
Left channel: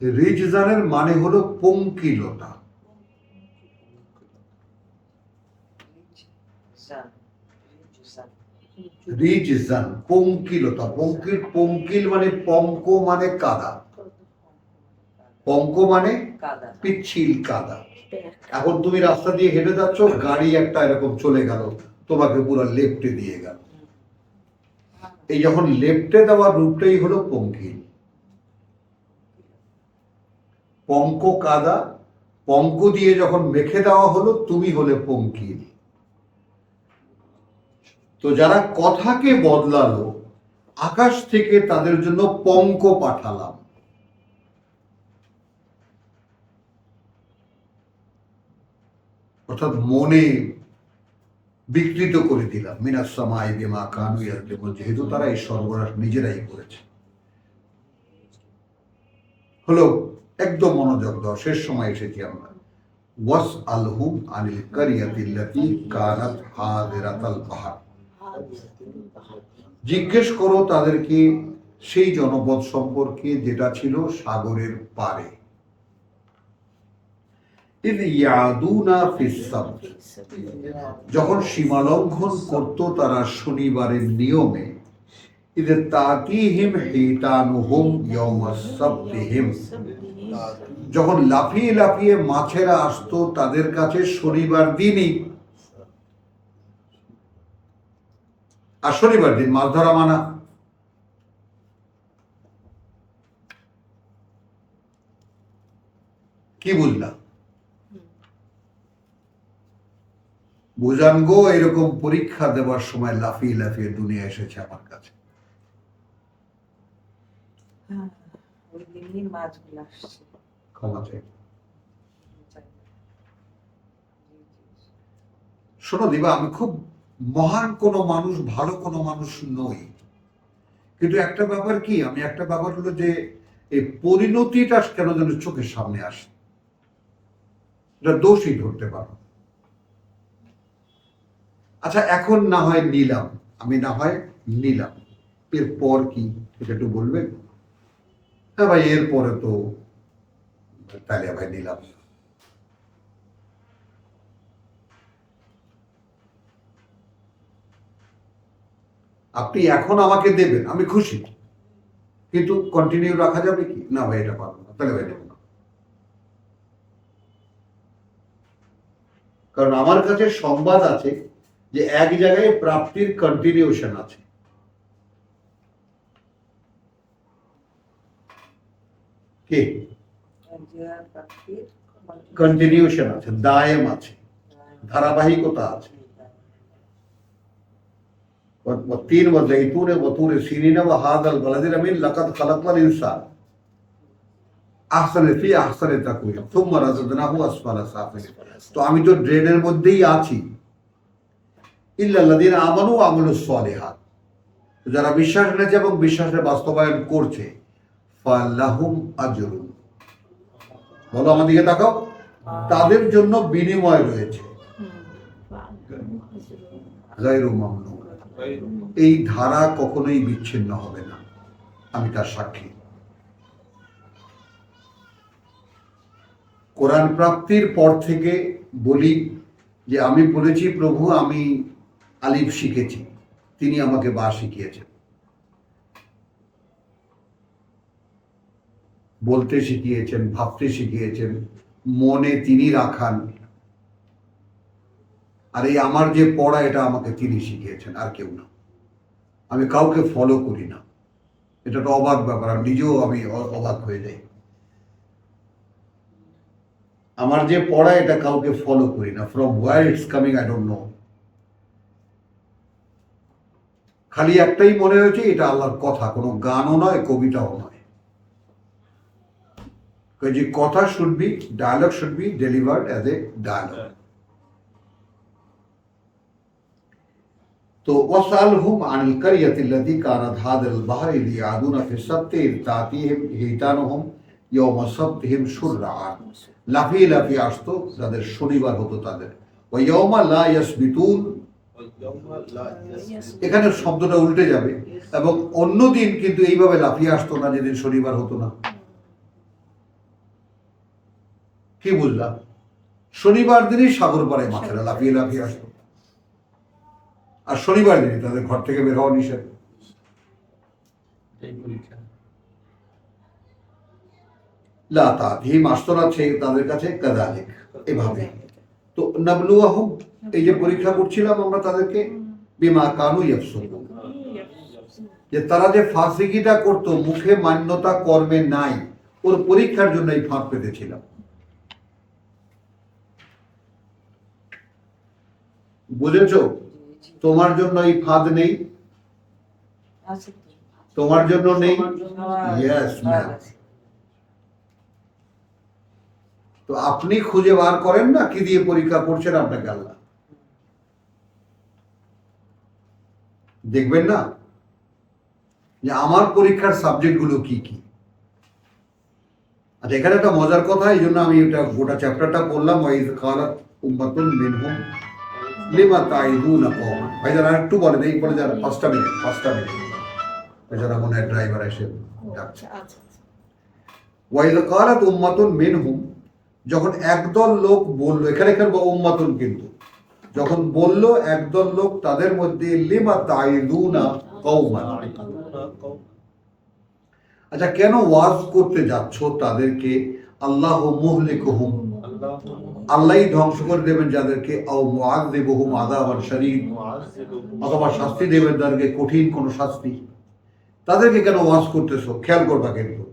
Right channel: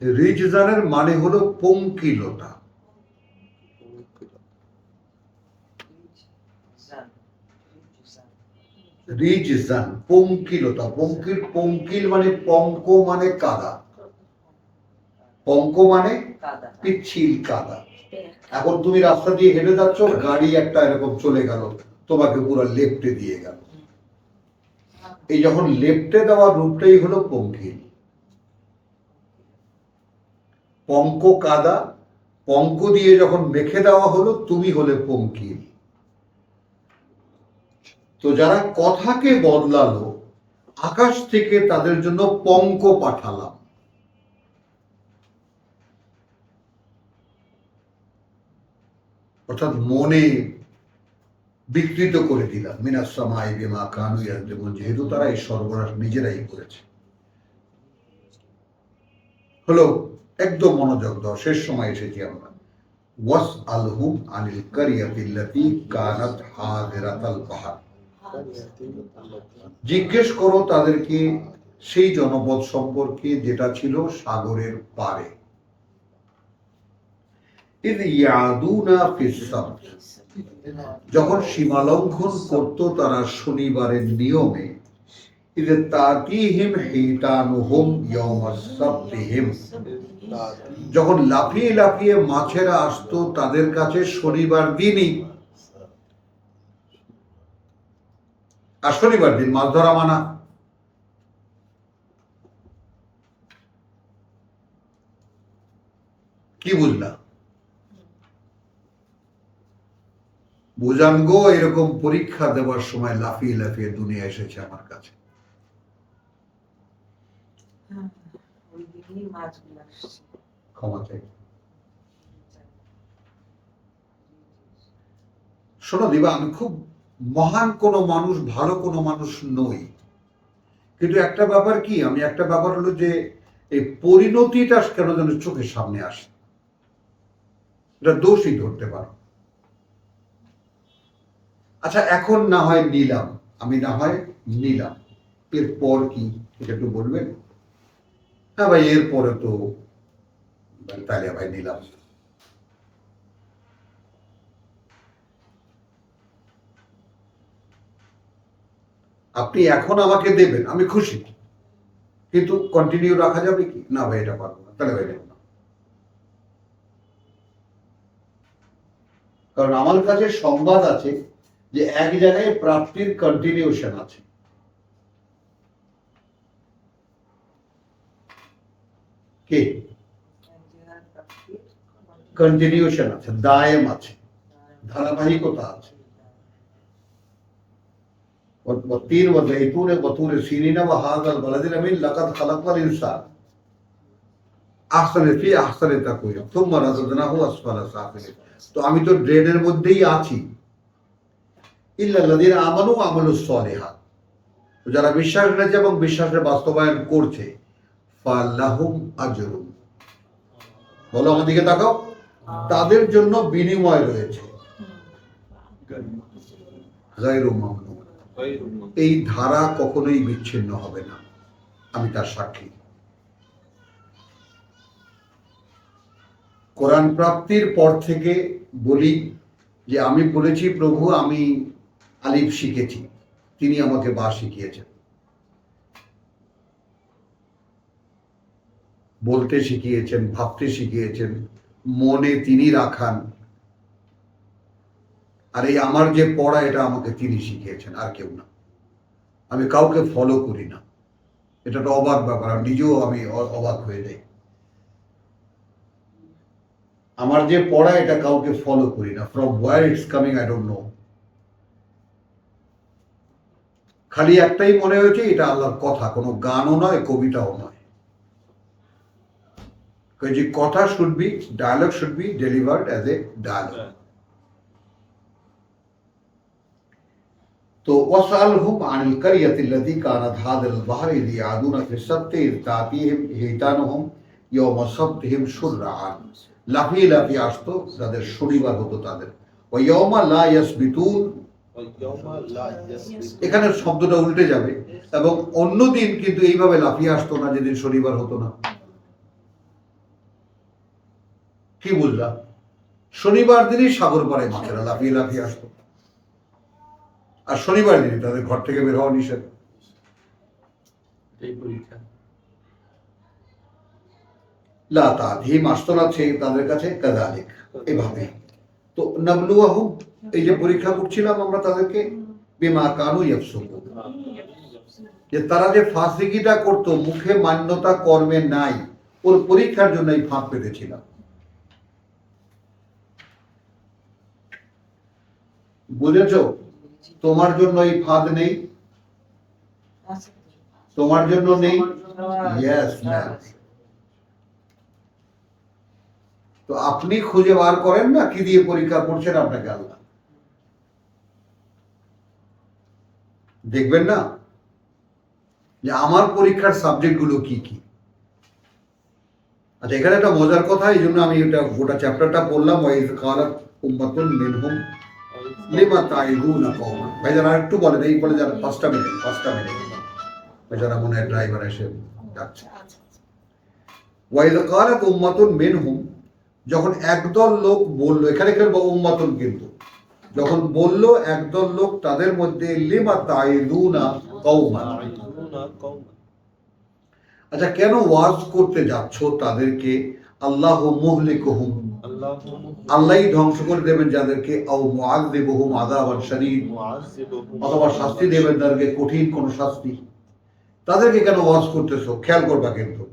রিজজানের মানে হলো পঙ্কিলতা। জান, জান। রিজজান পঙ্কিলতা, পঙ্কিল, পঙ্কিল মানে পঙ্ক মানে কাদা, পঙ্ক মানে কাদা। পিচ্ছিল কাদা। এখন তুমি রাস্তা দিয়ে হেঁটে যাচ্ছ, গাড়ি একটা এরকম চলে গেল, তোমাকে পুরো লেপ্টে দিয়ে গেল। এই যখন লেপ্টে দেওয়ার রূপটাই হলো পঙ্কিল। পঙ্ক কাদা, পঙ্ক দিয়ে যখন মেখে দেওয়া হলো, তুমি হলে পঙ্কিল। তো যারা কথাকে বদলালো, আকাশ থেকে তাদের জন্য পঙ্ক পাঠালাম। অর্থাৎ মনে বিকৃত করে দিলাম। মিনাস সামাই বিমা কানু ইয়াযলিমুন, যেহেতু তারা এই সর্বনাশ নিজেরাই করেছে। হলো একদম মনোযোগ দাও, শেষ সময় এসেছি আমরা। ওয়াসআলহুম আনিল কারিয়াতিল্লাতী কানাত হাদিরাতাল বাহর, জিজ্ঞেস করো তাদেরকে সেই জনপদ সম্পর্কে যেটা ছিল সাগরের পারে। ইয ইয়াদুনা ফিস সাবত, যখন সীমালঙ্ঘন করত তারা শনিবারের নিয়মে। ইয তাতিহিম হিতানুহুম ইয়াওমাস সাবতিহিম, যখন লাফিয়ে লাফিয়ে মাছেরা আসতো তাদের কাছে শনিবার দিনই, আর শনিবার দিন মাছ ধরা মানা। কি বুঝলা? বুঝান গো, এরকম পরীক্ষা দেওয়ার সময় লাফিয়ে লাফিয়ে দুনিয়া এসেছে আমার কাছে। হ্যাঁ, ওই দিনই মাছগুলো আসছে। ক্ষমা চাই। শোনো দিবা, আমি খুব মহান কোনো মানুষ, ভালো কোনো মানুষ নই, কিন্তু একটা ব্যাপার কি, আমি একটা ব্যাপার হলো যে এই পরিণতিটা কেন যেন চোখের সামনে আসে, এটা দোষই ধরতে পারো। আচ্ছা, এখন না হয় নিলাম, আমি না হয় নিলাম, এরপর কি এটা একটু বলবেন? হ্যাঁ ভাই, এরপরে তো তাহলে ভাই নিলাম। আপনি এখন আমাকে দেবেন, আমি খুশি, কিন্তু কন্টিনিউ রাখা যাবে কি? না ভাই, এটা পারবো না, তাহলে ভাই নেব না। কারণ আমার কাছে সংবাদ আছে যে এক জায়গায় প্রাপ্তির কন্টিনিউশন আছে। কে? কন্টিনিউশন আছে, দায়েম আছে, ধারাবাহিকতা আছে। والتين والزيتون وطور سينين وهذا البلد الأمين لقد خلقنا الإنسان أحسن في أحسن تقويم ثم رددناه أسفل سافلين। তো আমি তো ড্রেনের মধ্যেই আছি। ইল্লা আল্লাযীনা আমানু ওয়া আমিলুস সালিহাত, যারা বিশ্বাস এনেছে এবং বিশ্বাসের বাস্তবায়ন করছে, ফালাহুম আজরুন, বলো আমার দিকে তাকাও, তাদের জন্য বিনিময় রয়েছে, গায়রু মামনুন। এই ধারা কখনোই বিচ্ছিন্ন হবে না, আমি তার সাক্ষী। কোরআন প্রাপ্তির পর থেকে বলি যে আমি বলেছি, প্রভু আমি আলিফ শিখেছি, তিনি আমাকে বা শিখিয়েছেন, বলতে শিখিয়েছেন, ভাবতে শিখিয়েছেন, মনে তিনি রাখান। আর এই আমার যে পড়া, এটা আমাকে তিনি শিখিয়েছেন, আর কেউ না। আমি কাউকে ফলো করি না, এটা একটা অবাক ব্যাপার, নিজেও আমি অবাক হয়ে যাই। আমার যে পড়া, এটা কাউকে ফলো করি না, from where it's coming I don't know. খালি একটাই মনে হয়েছে, এটা আল্লাহর কথা, কোনো গানও নয়, কবিতাও নয়। যে কথা should be, dialogue should be delivered as a dialogue. तो वसअलहुम अनिल करियतिल्लती कानत हादिल बहरि लियादुना फि सब्ति तातीहिम हितानुहुम यौम सब्तिहिम शुरआन, লাফিয়ে লাফিয়ে আসতো, তাদের শনিবার হতো তাদের। ওয়া ইয়াউমা লা ইয়াসবিতুন, এখানে শব্দটা উল্টে যাবে, এবং অন্য দিন কিন্তু এইভাবে লাফিয়ে আসতো না, যেদিন শনিবার হতো না। কি বুঝলাম? শনিবার দিনই সাগর পাড়ায় মাছেরা লাফিয়ে লাফিয়ে আসতো, আর শনিবার দিনই তাদের ঘর থেকে বের হওয়া নিষেধ। লা তাতিহিম, আসতো না তাদের কাছে, কাযালিক, এভাবে। তো নাবলুয়াহুম, এই যে পরীক্ষা করছিলাম আমরা তাদেরকে, বিমা কানু ইয়াফসুকুন, যে তারা যে ফাসিকিটা করতো, মুখে মান্যতা কর্মে নাই, ওর পরীক্ষার জন্য এই ফাঁক পেতেছিলাম। বুঝেছো? তোমার জন্য এই ফাঁদ নেই, তোমার জন্য নেই। Yes ma'am. তো আপনি খুঁজে বার করেন না কি দিয়ে পরীক্ষা করছেন আপনাকে আল্লাহ, দেখবেন না যে আমার পরীক্ষার সাবজেক্টগুলো কি কি। আচ্ছা, এখানে একটা মজার কথা, এই জন্য আমি এটা গোটা চ্যাপ্টারটা পড়লাম। ওয়াইজ কালাত উম্মাতুন মিনহুম লিমা তাইদুনা কওমান। ভাইজান আর একটু বলেন, এই বলে যান 5টা মিনিট। বেচারা মনে হয় ড্রাইভার এসে ডাকছে। ওয়াইজ কালাত উম্মাতুন মিনহুম, যখন একদল লোক বললো, এখানে উম্মাতুন কিন্তু যখন বললো একদল লোক তাদের মধ্যে, লিমা তাইদুনা কওমান, আচ্ছা কেন ওয়াজ করতে যাচ্ছ তাদেরকে, আল্লাহ মুহলিকুহুম, আল্লাহ আল্লাহই ধ্বংস করে দেবেন যাদেরকে, আও মুআযযিবুহুম আযাবান শাদীদ, অথবা শাস্তি দেবেন তাদেরকে কঠিন কোনো শাস্তি। তাদেরকে কেন ওয়াজ করতেছো? খেয়াল করবা কিন্তু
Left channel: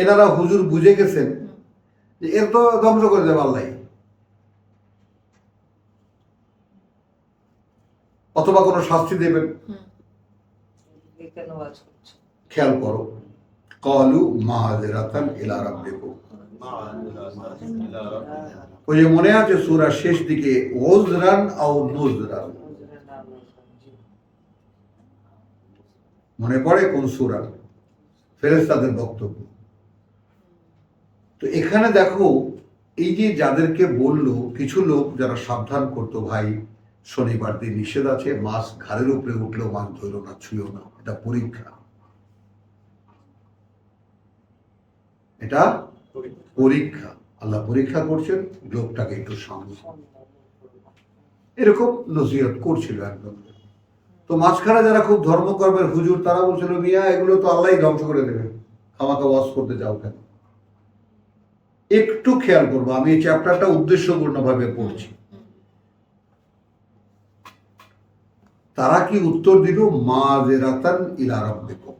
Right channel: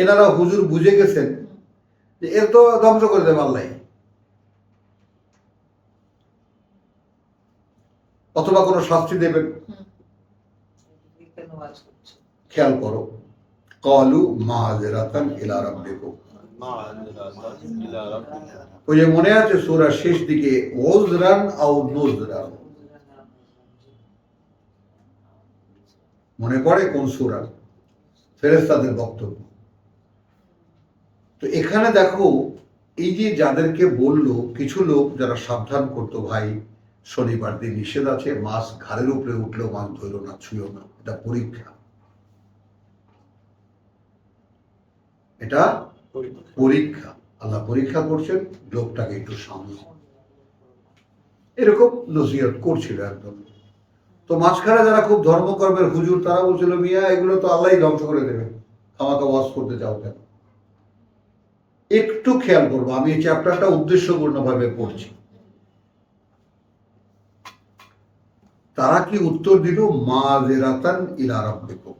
এনারা হুজুর বুঝে গেছেন যে এর তো ধ্বংস করে দেবে আল্লাহ, অথবা কোনো শাস্তি দেবেন। এই কেন ওয়াজ করছো? খেয়াল করো, ক্বালু মাযরাতান ইলা রাব্বিকুম, ওই যে মনে আছে সূরার শেষ দিকে উযরান আও নুযরান, মনে পড়ে কোন সূরা? ফেরেশতাদের বক্তব্য। তো এখানে দেখো, এই যে যাদেরকে বললো, কিছু লোক যারা সাবধান করতো, ভাই শনিবার দিন নিষেধ আছে, মাছ ঘাড়ের উপরে উঠলেও মাছ ধরো না, ছুঁয়ো না, এটা পরীক্ষা, এটা পরীক্ষা, আল্লাহ পরীক্ষা করছেন, লোকটাকে একটু সামনে, এরকম নসিহত করছিল একদম। তো মাঝখানে যারা খুব ধর্মকর্মের হুজুর, তারা বলছিল মিয়া এগুলো তো আল্লাহই ধ্বংস করে দেবে, খামাকা ওয়াজ করতে যাও কেন? একটু খেয়াল করবো, আমি এই চ্যাপ্টারটা উদ্দেশ্যপূর্ণভাবে পড়ছি। তারা কি উত্তর দিল? মাযরাতান ইলা রাব্বিকুম,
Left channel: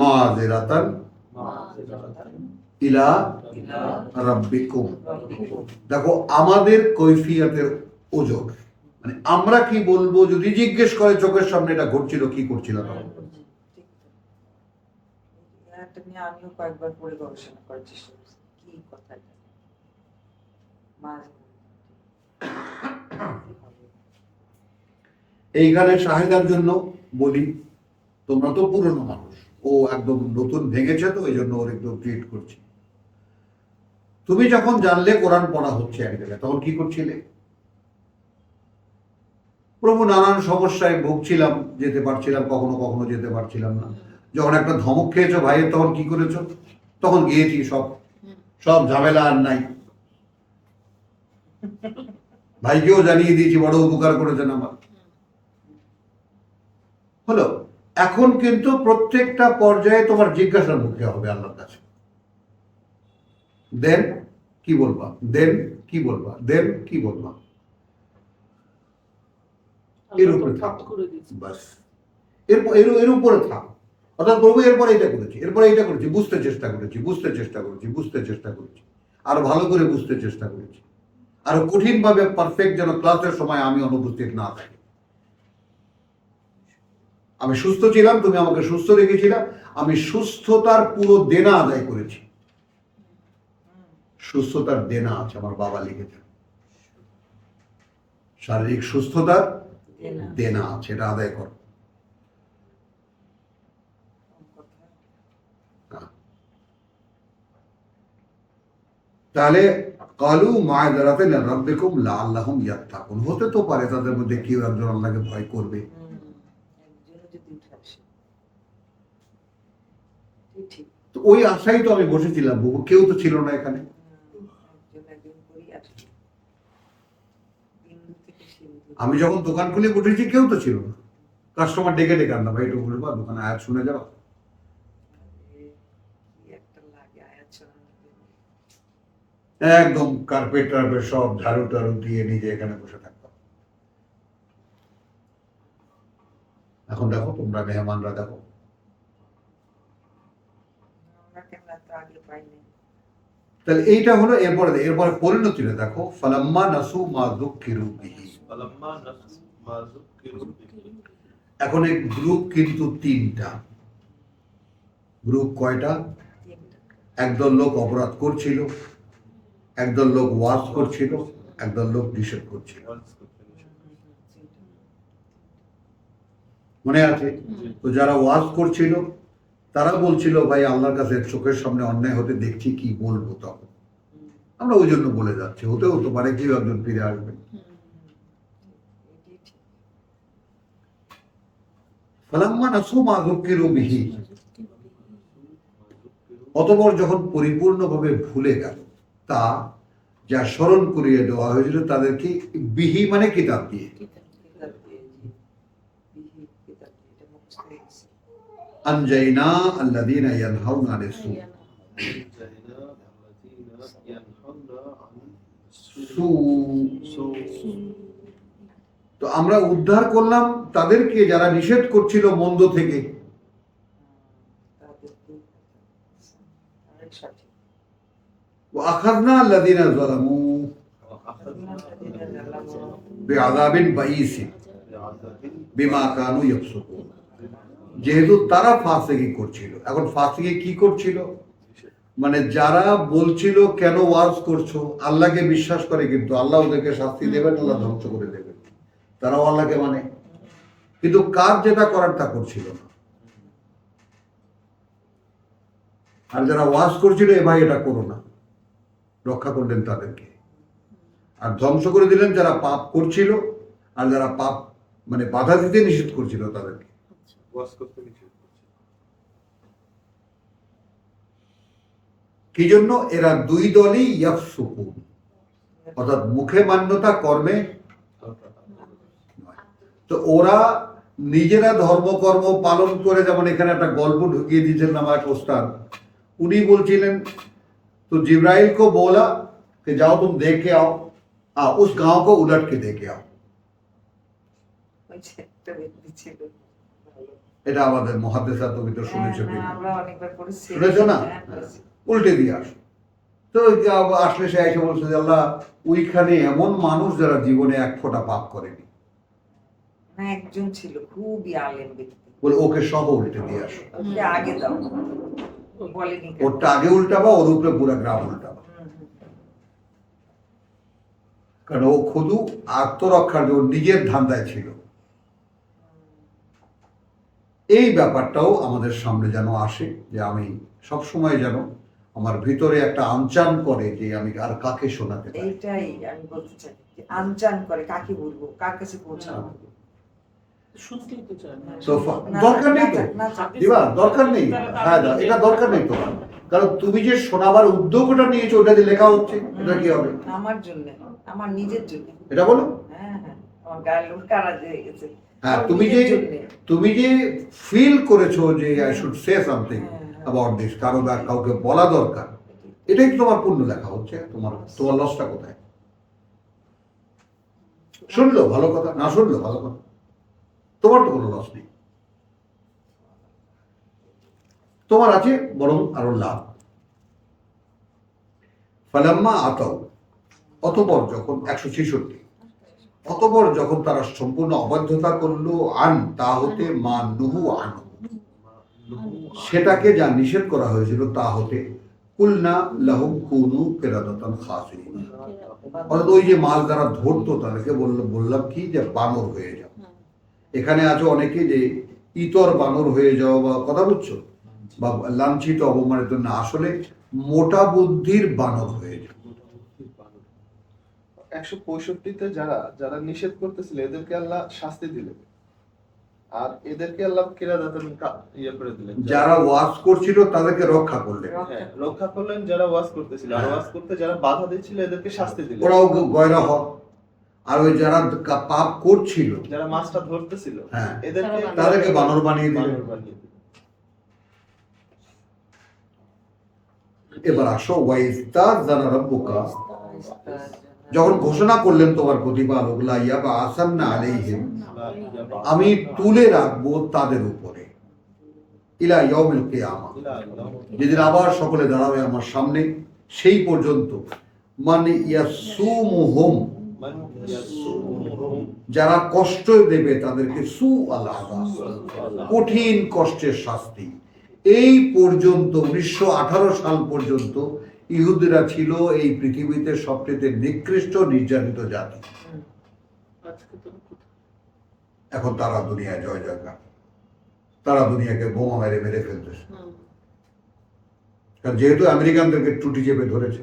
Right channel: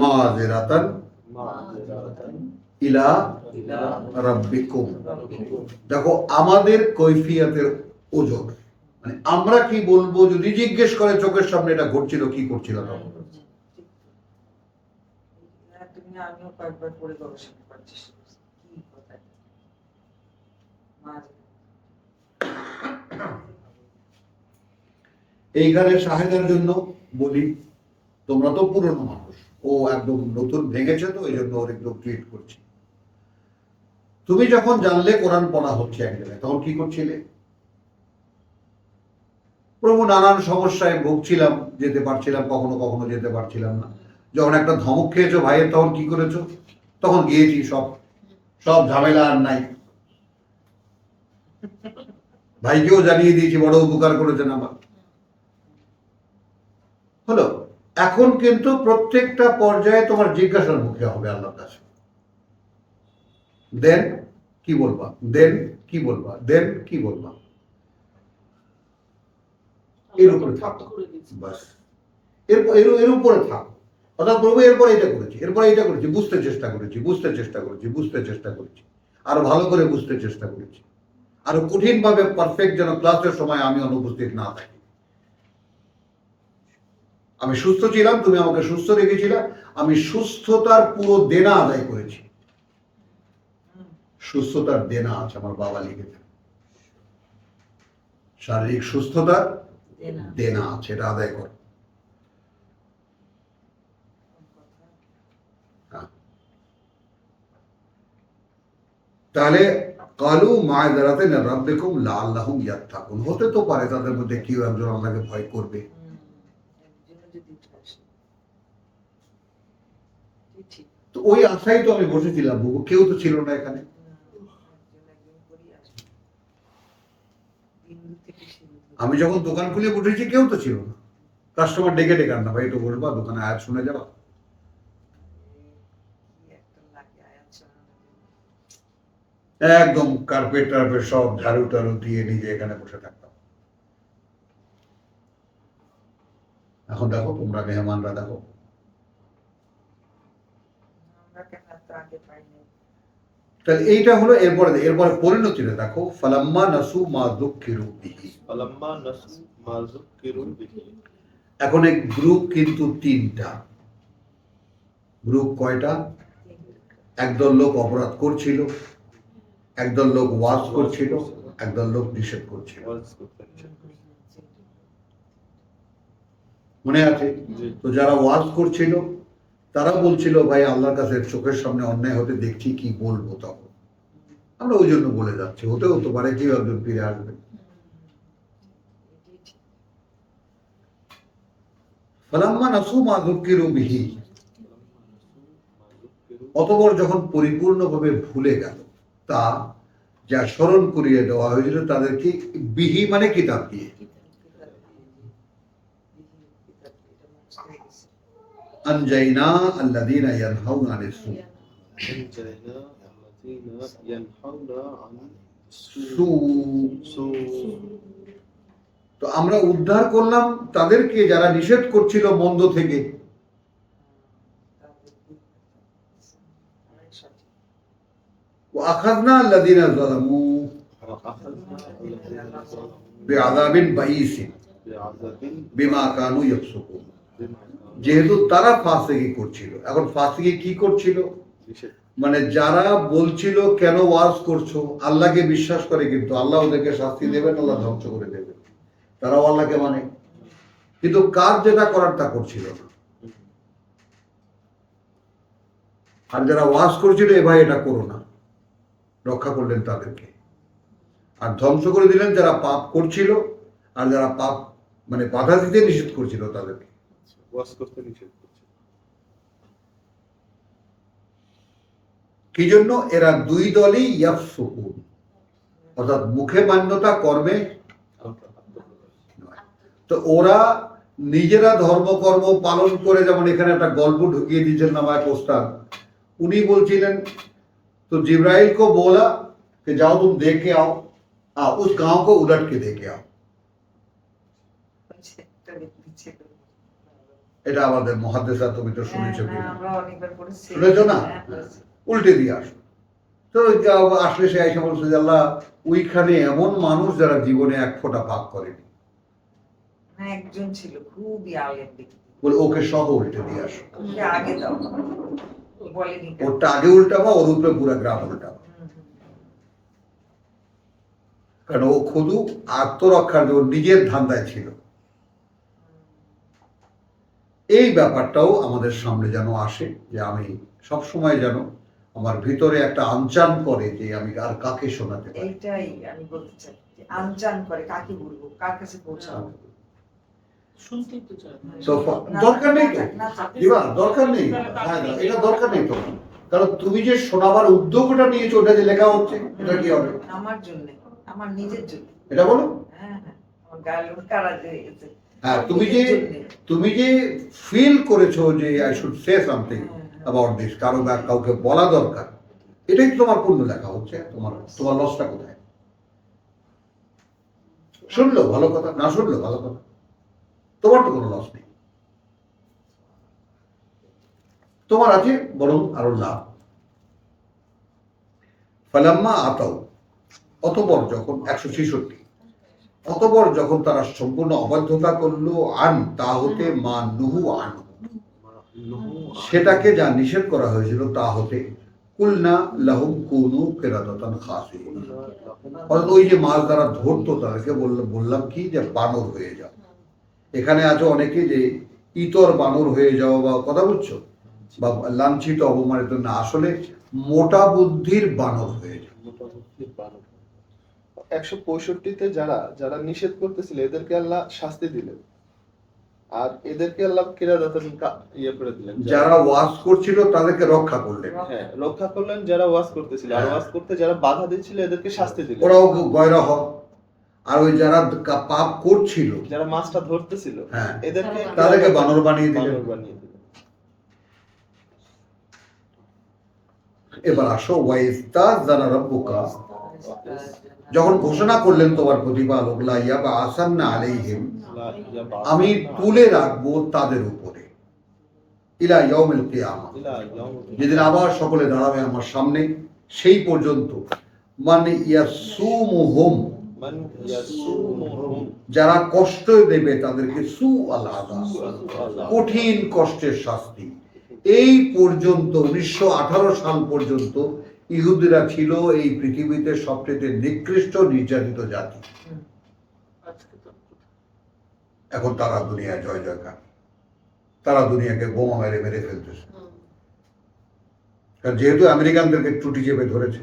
মাযরাতান ইলা রাব্বিকুম। দেখো আমাদের কৈফিয়তের ওজোর, মানে আমরা কি বলবো যদি জিজ্ঞেস করে চোখের সামনে এটা ঘটছিল, কি করছিল তখন? এটা নিয়ে আমিও কয়েকবার পড়ে গবেষণা করার চেষ্টা করছি কি কথা এটা। এইখানে শাহেদার জন্য বলি, তোমরা তো পুরনো মানুষ, ও একদম নতুন ভেঙেছে, তো এই জন্য ওর একদম ট্রিট করছি। তুমি যখন জানলে কোরআন পড়া হচ্ছে এক জায়গায়, তখন কি করছিলে? প্রভু নানান সমস্যায় ভুগছিলাম, যেতে পারছিলাম, কখনো কখনো যেতে পারছিলাম না। যখন একটা ধমক খেয়েছো ভাইয়ের, তখন কি করেছো? তখন গিয়েছি, সব সব ঝামেলা আর নাই, ভাইকেও জানিয়ে দিয়েছি, বড় উপকার করেছেন আমার। হলো, এখন কিন্তু প্রত্যেকটা পর্যায়ে তোমার জিজ্ঞাসার মুখে হবে আল্লাহর কাছে, দেন কি বলবা, দেন কি বলবা, দেন কি বলবা, এর উপরে থাকো, বাস এর উপরে থাকো। অর্থাৎ প্রভু এরপরে এটা করেছি, এরপরে এটা করেছি, বুঝতে চেষ্টা করেছি, বুঝতে চেষ্টা করেছি, বুঝতে চেষ্টা করেছি, আরো ভালো করে বুঝতে চেষ্টা করেছি, আরো কঠিনভাবে পারফেক্ট যেন ক্লাসের সময় আমি অনুপস্থিত না থাকি। আমি সুস্থ ছিলাম, তুমি আমাকে সুস্থ রেখেছিলে, আমি সুস্থতার পুরো দেনা আদায় করেছি। সুস্থতার দেনা আছে, আমার বাবা লিখেছেন, শারীরিক সুস্থতার দেনা আছে, এটা আদায় করো। তাহলে কালু মাযরাতান ইলা রাব্বিকুম লাআল্লাহুম ইয়াত্তাকুন, হতে তো পারে তাদের মধ্যে কেউ একজন আল্লাহকে ভয় করবে। তো ওই আশাই তো আমি বসেছিলাম, বুবু, কেউ তো ছিল না এখানে। আমি যখন দোকান খুলে বসেছি কেউ তো ছিল না, কাস্টমার ডেকে ডেকে আনলাম, ভাই একটু বসবা, দোকানে আয়াত শুনে যাবা। একদম কার্পেট টার্পেট সব ঝাড়ু টাড়ু দিয়ে নিজে এখানে বসে থাকতাম। এখন দেখো তোমরা মেহমানরা, দেখো তাহলে এইটা হলো। এরপরে পরিণতিটা দেখো, ফালাম্মা নাসু মা যুক্কিরু বিহি, ফালাম্মা নাসু মা যুক্কিরু বিহি। এখন এই গ্রুপ কিন্তু তিনটা। গ্রুপ কয়টা? একদল লোক অপরাধ করছিল, একদল লোক ওয়াজ করছিল, একদল লোক নিষেধ করছিল। মনে আছে তো? যারা ওয়াজ করছিল তারা বলছিল, ভাই আল্লাহর কাছে চোখের সামনে অন্যায় হতে দেখছি, কি বলবো তখন? আমরা ওই জন্য বলে যাচ্ছি, হতেও তো পারে কেউ একজন ফিরে আসবে। ফালাম্মা নাসু মা যুক্কিরু বিহি, অতঃপর যখন পরিপূর্ণভাবে ভুলে গেল তা যা স্মরণ করিয়ে দেওয়া হয়েছিল তাদেরকে, বিহি মানে কিতাব দিয়ে, আনজাইনা আল্লাযীনা ইয়ানহাউনা আনিস সূ, أنجينا الذين ينهون عن সু তো আমরা উদ্ধার করলাম তাদেরকে যারা নিষেধ করছিল মন্দ থেকে। وأخذنا الذين ظلموا بعذاب بئيس বিমা কানু ইয়াফসুকুন। যেহেতু তারা ফাসিকি করছিল, এখন ফাসিকি কি করছিল, মানে যারা বলছিল কেন ওয়াজ করছো, আল্লাহকে বিশ্বাস করে কিন্তু আল্লাহ ওদেরকে শাস্তি দেবেন, আল্লাহ ধ্বংস করে দেবেন, তারাও আল্লাহকে মানে, কিন্তু কাজ যেটা করার তা করছিল না। আর যারা ওয়াজ করছিল এ ভাই এটা করো না, রক্ষা করলেন তাদেরকে, আর ধ্বংস করে দিলেন যারা পাপ করছিল আর যারা পাপ মানে বাধা দিতে নিষেধ করছিল তাদেরকে। ওয়াজ করতে নিষেধ করছে। কি জন্য? এরা দুই দলই ইয়াফসুকুন, অর্থাৎ মুখে মান্যতা কর্মে নয়। তো ওরা নিজেরা ধর্মকর্ম পালন করে, যেমন এখানে একটা গল্প ঢুকিয়ে দিয়েছেন আমার এক ওস্তাদ, উনি বলছিলেন তো जिब्राइल को बोला कि जाओ तुम देख के आओ, उस गांव को उलट के देख के आओ। এটা আমাদের মুহাদ্দিসা তুমি তো শুনেছো কিনা, শুনেছো না? উল্টে দিয়ে আসো। তো আসলে সে এসে বলছে যে আল্লাহ ওইখানে এমন মানুষ যারা জীবনে এক ফোঁটা পাপ করেনি, একজন ছিল খুবই আলেম ব্যক্তি, বলে ওকে সহ উল্টে দিয়ে আসো। ওকে আগে দাও, বলেনি কেন? ওরটা আগে উল্টাবা, ওর উপরে পুরো গ্রাম উল্টাবা। কারণ ও শুধু আত্মরক্ষার জন্য নিজের ধান্দায় ছিল। এই ব্যাপারটাও আমাদের সামনে যেন আসে, যে আমি সবসময় যেন আমার ভিতরে একটা আনচান করে যে আমি আর কাকে শোনাতে পারি। এইটাই আমি বলতে চাই, যে আনচান করে কাকে বলবো, কার কাছে পৌঁছাবো। শুনতেই তো চায় না। তো দরকার নেই তো দিবা, দরকার নেই, হ্যাঁ এটা দরকার নেই তোমার, কারণ তুমি যে শোনাবার উদ্যোগটা নিয়েছো ওটা যে লেখা হচ্ছে, এটা কি হবে? আমার জন্য, আমার নিজের জন্য। এটা বলো। হ্যাঁ হ্যাঁ, আমার গায়ে লোক কারা হয়ে গেছে। হ্যাঁ, তুমি যে ফিল করেছো যে I should say something about this, কারো বা কাউকে বলা দরকার, এটাই তো তোমার পূর্ণ লেখা হচ্ছে। তোমার লসটা কোথায়? শুনলো ভালো কথা, না শুনলো ভালো কথা, তোমার তো কোনো লস নেই, তোমার আছে বরং আরো লাভ। ফালাম্মা আতাও, অতঃপর যখন 166, অতঃপর যখন তারা সম্পূর্ণ অবাধ্যতা করলো, আন তা হতে মা নুহু আন, সেটাকে যা নিষেধ করা হয়েছিল তা হতে, কুলনা লাহুম কুনু কিরাদাতান খাসিরিন, অর্থাৎ ওই যে মাছ দ্বারা ধরতো তাদেরকে বললাম কি যে বানর হয়ে যাও। এখানে আছে অনেকে যে ইতর বানর হয়ে যাও বা কথা বুঝছো, বা লাঞ্ছিত অপমানিত না, আসলে মোটা বুদ্ধির বানর হয়ে যাও। 165-তে যারা যারা নিষেধ করতেছিল এদেরকে আল্লাহ শাস্তি দিলেন, আর এদেরকে আল্লাহ কিরাদাতান ইয়ে করে দিলেন। যারা ওয়াজ করছিল তাদেরকে রক্ষা করলেন, হ্যাঁ, রক্ষা করলেন যারা ওয়াজ করতেছিল, আর ওয়াজ করতে যারা বাধা দিচ্ছিল এদেরকে শাস্তি দিলেন। ওরাও গয়রা হয়। আর ওই যারা পাপ করছিল, যারা মাছটা ধরতেছিল, হ্যাঁ, এদেরকে তাদেরকে বানর বানিয়ে দিলেন। বানর বানিয়ে দিলেন। এবার আসো, ওয়াইস্তাযানা রাব্বুকা, যখন ঘোষণা করলেন তোমার প্রতিপালক, লা ইয়াবআসান্না আলাইহিম, আমি তুলে রাখবো তাদের উপরে, ইলা ইয়াউমিল কিয়ামা, যেদিন আবার সকলে দাঁড়াবে আমার সামনে, সেই পর্যন্ত, মান ইয়াসুমুহুম, যারা কষ্ট দেবে তাদেরকে, সু আল আযাব, কঠিন কষ্টের শাস্তি। এই পর্যন্ত 1918 সাল পর্যন্ত ইহুদিরা ছিল এই পৃথিবীতে সবচেয়ে নিকৃষ্ট নির্যাতিত জাতি। এখন তারা দুনিয়ায় জয় জয়কার, তারা দুনিয়াকে বোমা মেরে মেরে ফেলতেছে, কারণ যেহেতু আমেরিকানদেরকে টুটি চেপে ধরেছে।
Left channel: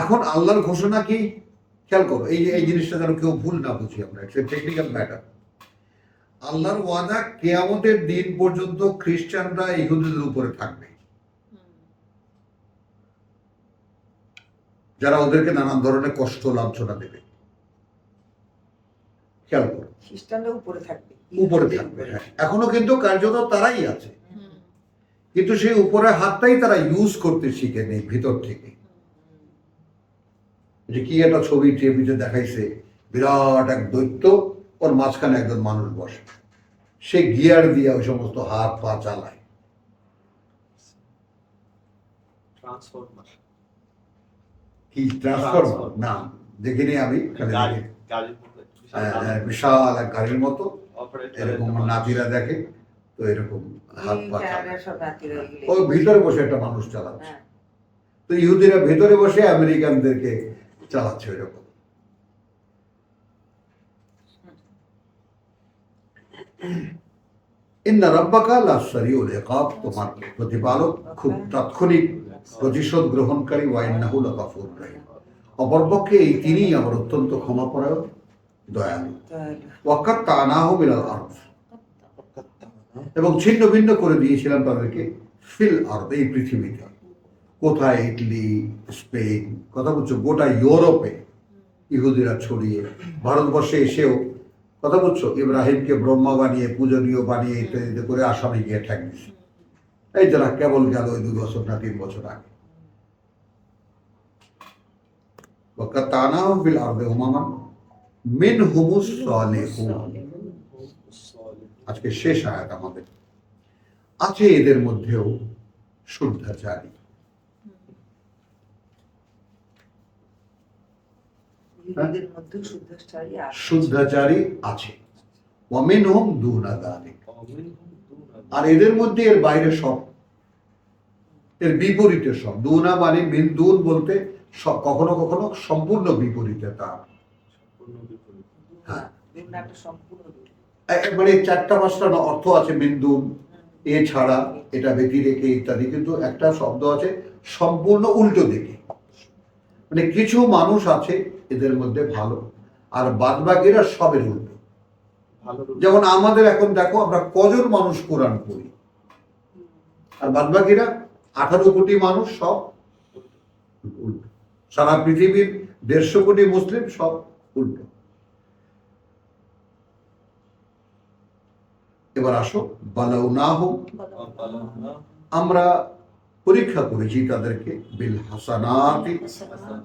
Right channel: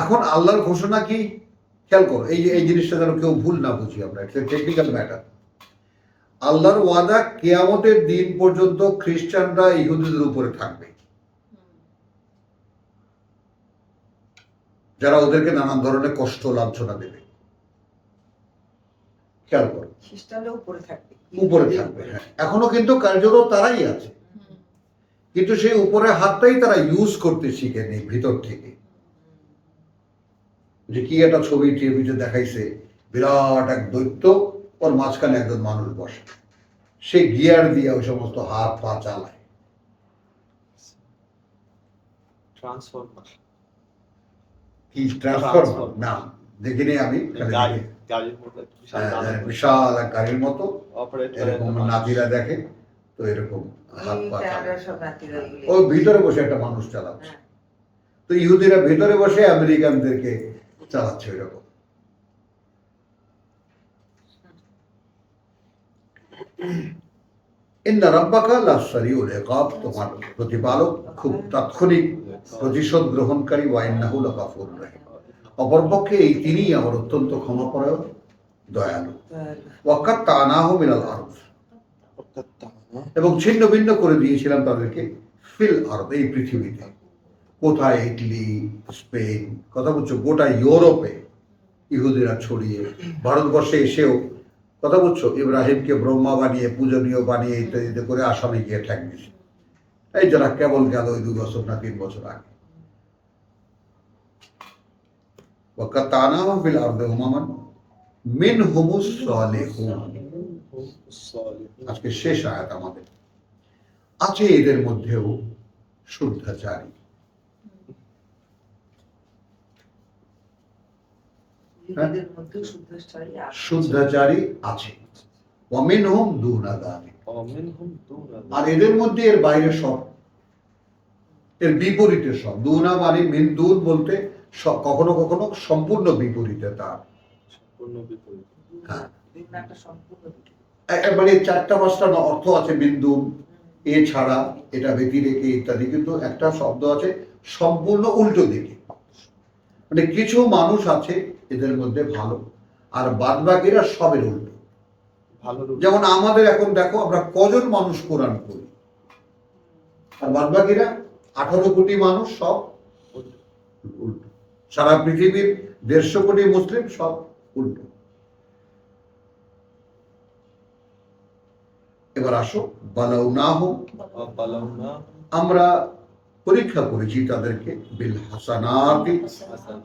এখন আল্লাহর ঘোষণা কি খেয়াল করো, এই জিনিসটা যেন কেউ ভুল না বুঝি আমরা, একটা টেকনিক্যাল ম্যাটার। আল্লাহর ওয়াদা কিয়ামতের দিন পর্যন্ত খ্রিস্টানরা ইহুদিদের উপরে থাকবে, যারা ওদেরকে নানান ধরনের কষ্ট লাঞ্ছনা দেবে। খেয়াল করো, খ্রিস্টানরা উপরে থাকবে, উপরে থাকবে। হ্যাঁ, এখনো কিন্তু কার্যত তারাই আছে, কিন্তু সেই উপরের হাতটাই তারা ইউজ করতে শিখে নেই ভিতর থেকে। যে কি একটা ছবি টিভিতে দেখাইছে, বিরাট এক দৈত্য, ওর মাঝখানে একজন মানুষ বসে, সে গিয়ার দিয়ে ওই সমস্ত হাত পা চালায়। ট্রান্সফরমার কি ট্রান্সফরমার না দেখিনি আমি, খালি দেখি গাড়ির মতো বিশাল এক গাড়ির মতো অপারেট এরকম নাতিরা দেখে, তো এরকম হাত পা চালায়। ক্যানাডার সব নাতিরা এগুলো। ও ভিতরে বসে একটা মানুষ চালাচ্ছে, হ্যাঁ। তো ইহুদিরা ভেতরে বসে আমেরিকানদেরকে চালাচ্ছে ওই রকম। ইন্না রাব্বাকা লাসারিউল ইকাব, তোমার প্রতিপালক খুব তাৎক্ষণিক প্রতিশোধ গ্রহণকারী, ওয়া ইন্নাহু লাগাফুরুর রহিম, অপরপক্ষে এই তিনিই আমার অত্যন্ত ক্ষমাপরায়ণ দয়ালু। ওয়াক্কাত তানাহু মিনাল আরদ, এবং ছিন্ন ভিন্ন করে দিয়েছিলাম তাদেরকে ফিল আরদ, এই পৃথিবীতে। কোথায়? ইটালি, স্পেন, কথা বলছো গোটা ইউরোপে ইহুদিরা ছড়িয়ে, ভারতবর্ষে এসেও, কথা বলছো, ইব্রাহিমকে ব্রহ্মা বানিয়ে, পূজনীয় বানিয়ে ইত্যাদিতে করে আসামে গিয়ে ঠেক দিছে। এই যারা কেবল গেল ওই 2 বছর না 3 বছর আগে। ওয়াকাতানাহু ফিল আরদি উমামান মিনহুমুস সালিহুন, আজকে শেষ আয়াত আমাদের। আছে এদের মধ্যেও শুদ্ধাচারী, ইহুদিদের মধ্যেও শুদ্ধাচারী আছে। শুদ্ধাচারী আছে। ওয়া মিনহুম দুনা যালিক, মিনহুম দুনা আর এদের মধ্যে এর বাইরে সব, এর বিপরীতে সব। দুনা মানে মিন দুন বলতে কখনো কখনো সম্পূর্ণ বিপরীতে তার। পূর্ণ বিপরীত। হ্যাঁ, দুনিয়াটা সম্পূর্ণ বিপরীত। মানে 4টা-5টা অর্থ আছে মিন দুন, এছাড়া, এটা ব্যতি রেখে ইত্যাদি, কিন্তু একটা শব্দ আছে সম্পূর্ণ উল্টো দিকে। মানে কিছু মানুষ আছে এদের মধ্যে ভালো, আর বাদবাকিরা সবের উল্টো। ভালো রূপ। যেমন আমাদের এখন দেখো, আমরা কজন মানুষ কোরআন পড়ি, আর বাদবাকিরা 18 কোটি মানুষ সব উল্টো। সারা পৃথিবীর 150 কোটি মুসলিম সব উল্টো। এবার আসো, বালাউনাহুম, বালাউনা আমরা পরীক্ষা করেছি তাদেরকে, বিল হাসানাতি, হাসানাত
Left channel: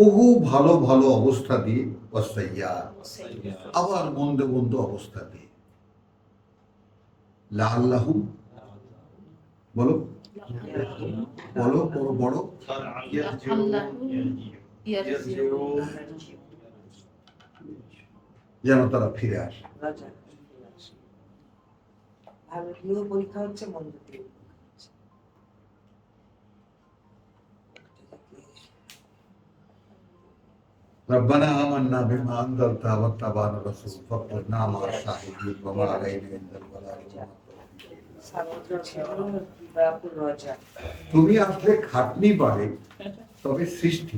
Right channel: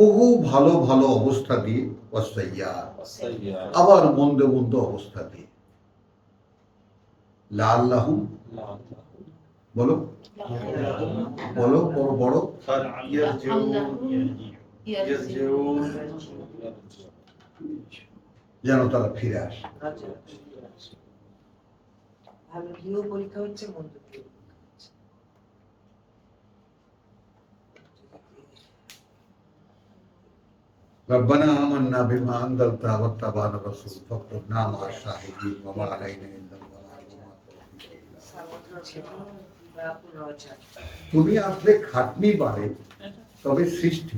বহু ভালো ভালো অবস্থা দিয়ে, ওয়াসাইয়্যাত, সাইয়্যাত আবার মন্দ মন্দ অবস্থা দিয়ে। লাআল্লাহুম, বলো বলো, বড় বড়, যেন তারা ফিরে আসে। ভালো দিয়েও পরীক্ষা হচ্ছে, মন্দ দিয়েও পরীক্ষা হচ্ছে। ربنا آمنا بما أنزلت واتبعنا الرسول فاكتبنا مع الشاهدين وما علينا إلا البلاغ وما التوفيق إلا بالله। সামুদ্র ছিল ব্যাকুল রজা। তুমি আসলে খাটনি বাড়ে, তবে সৃষ্টি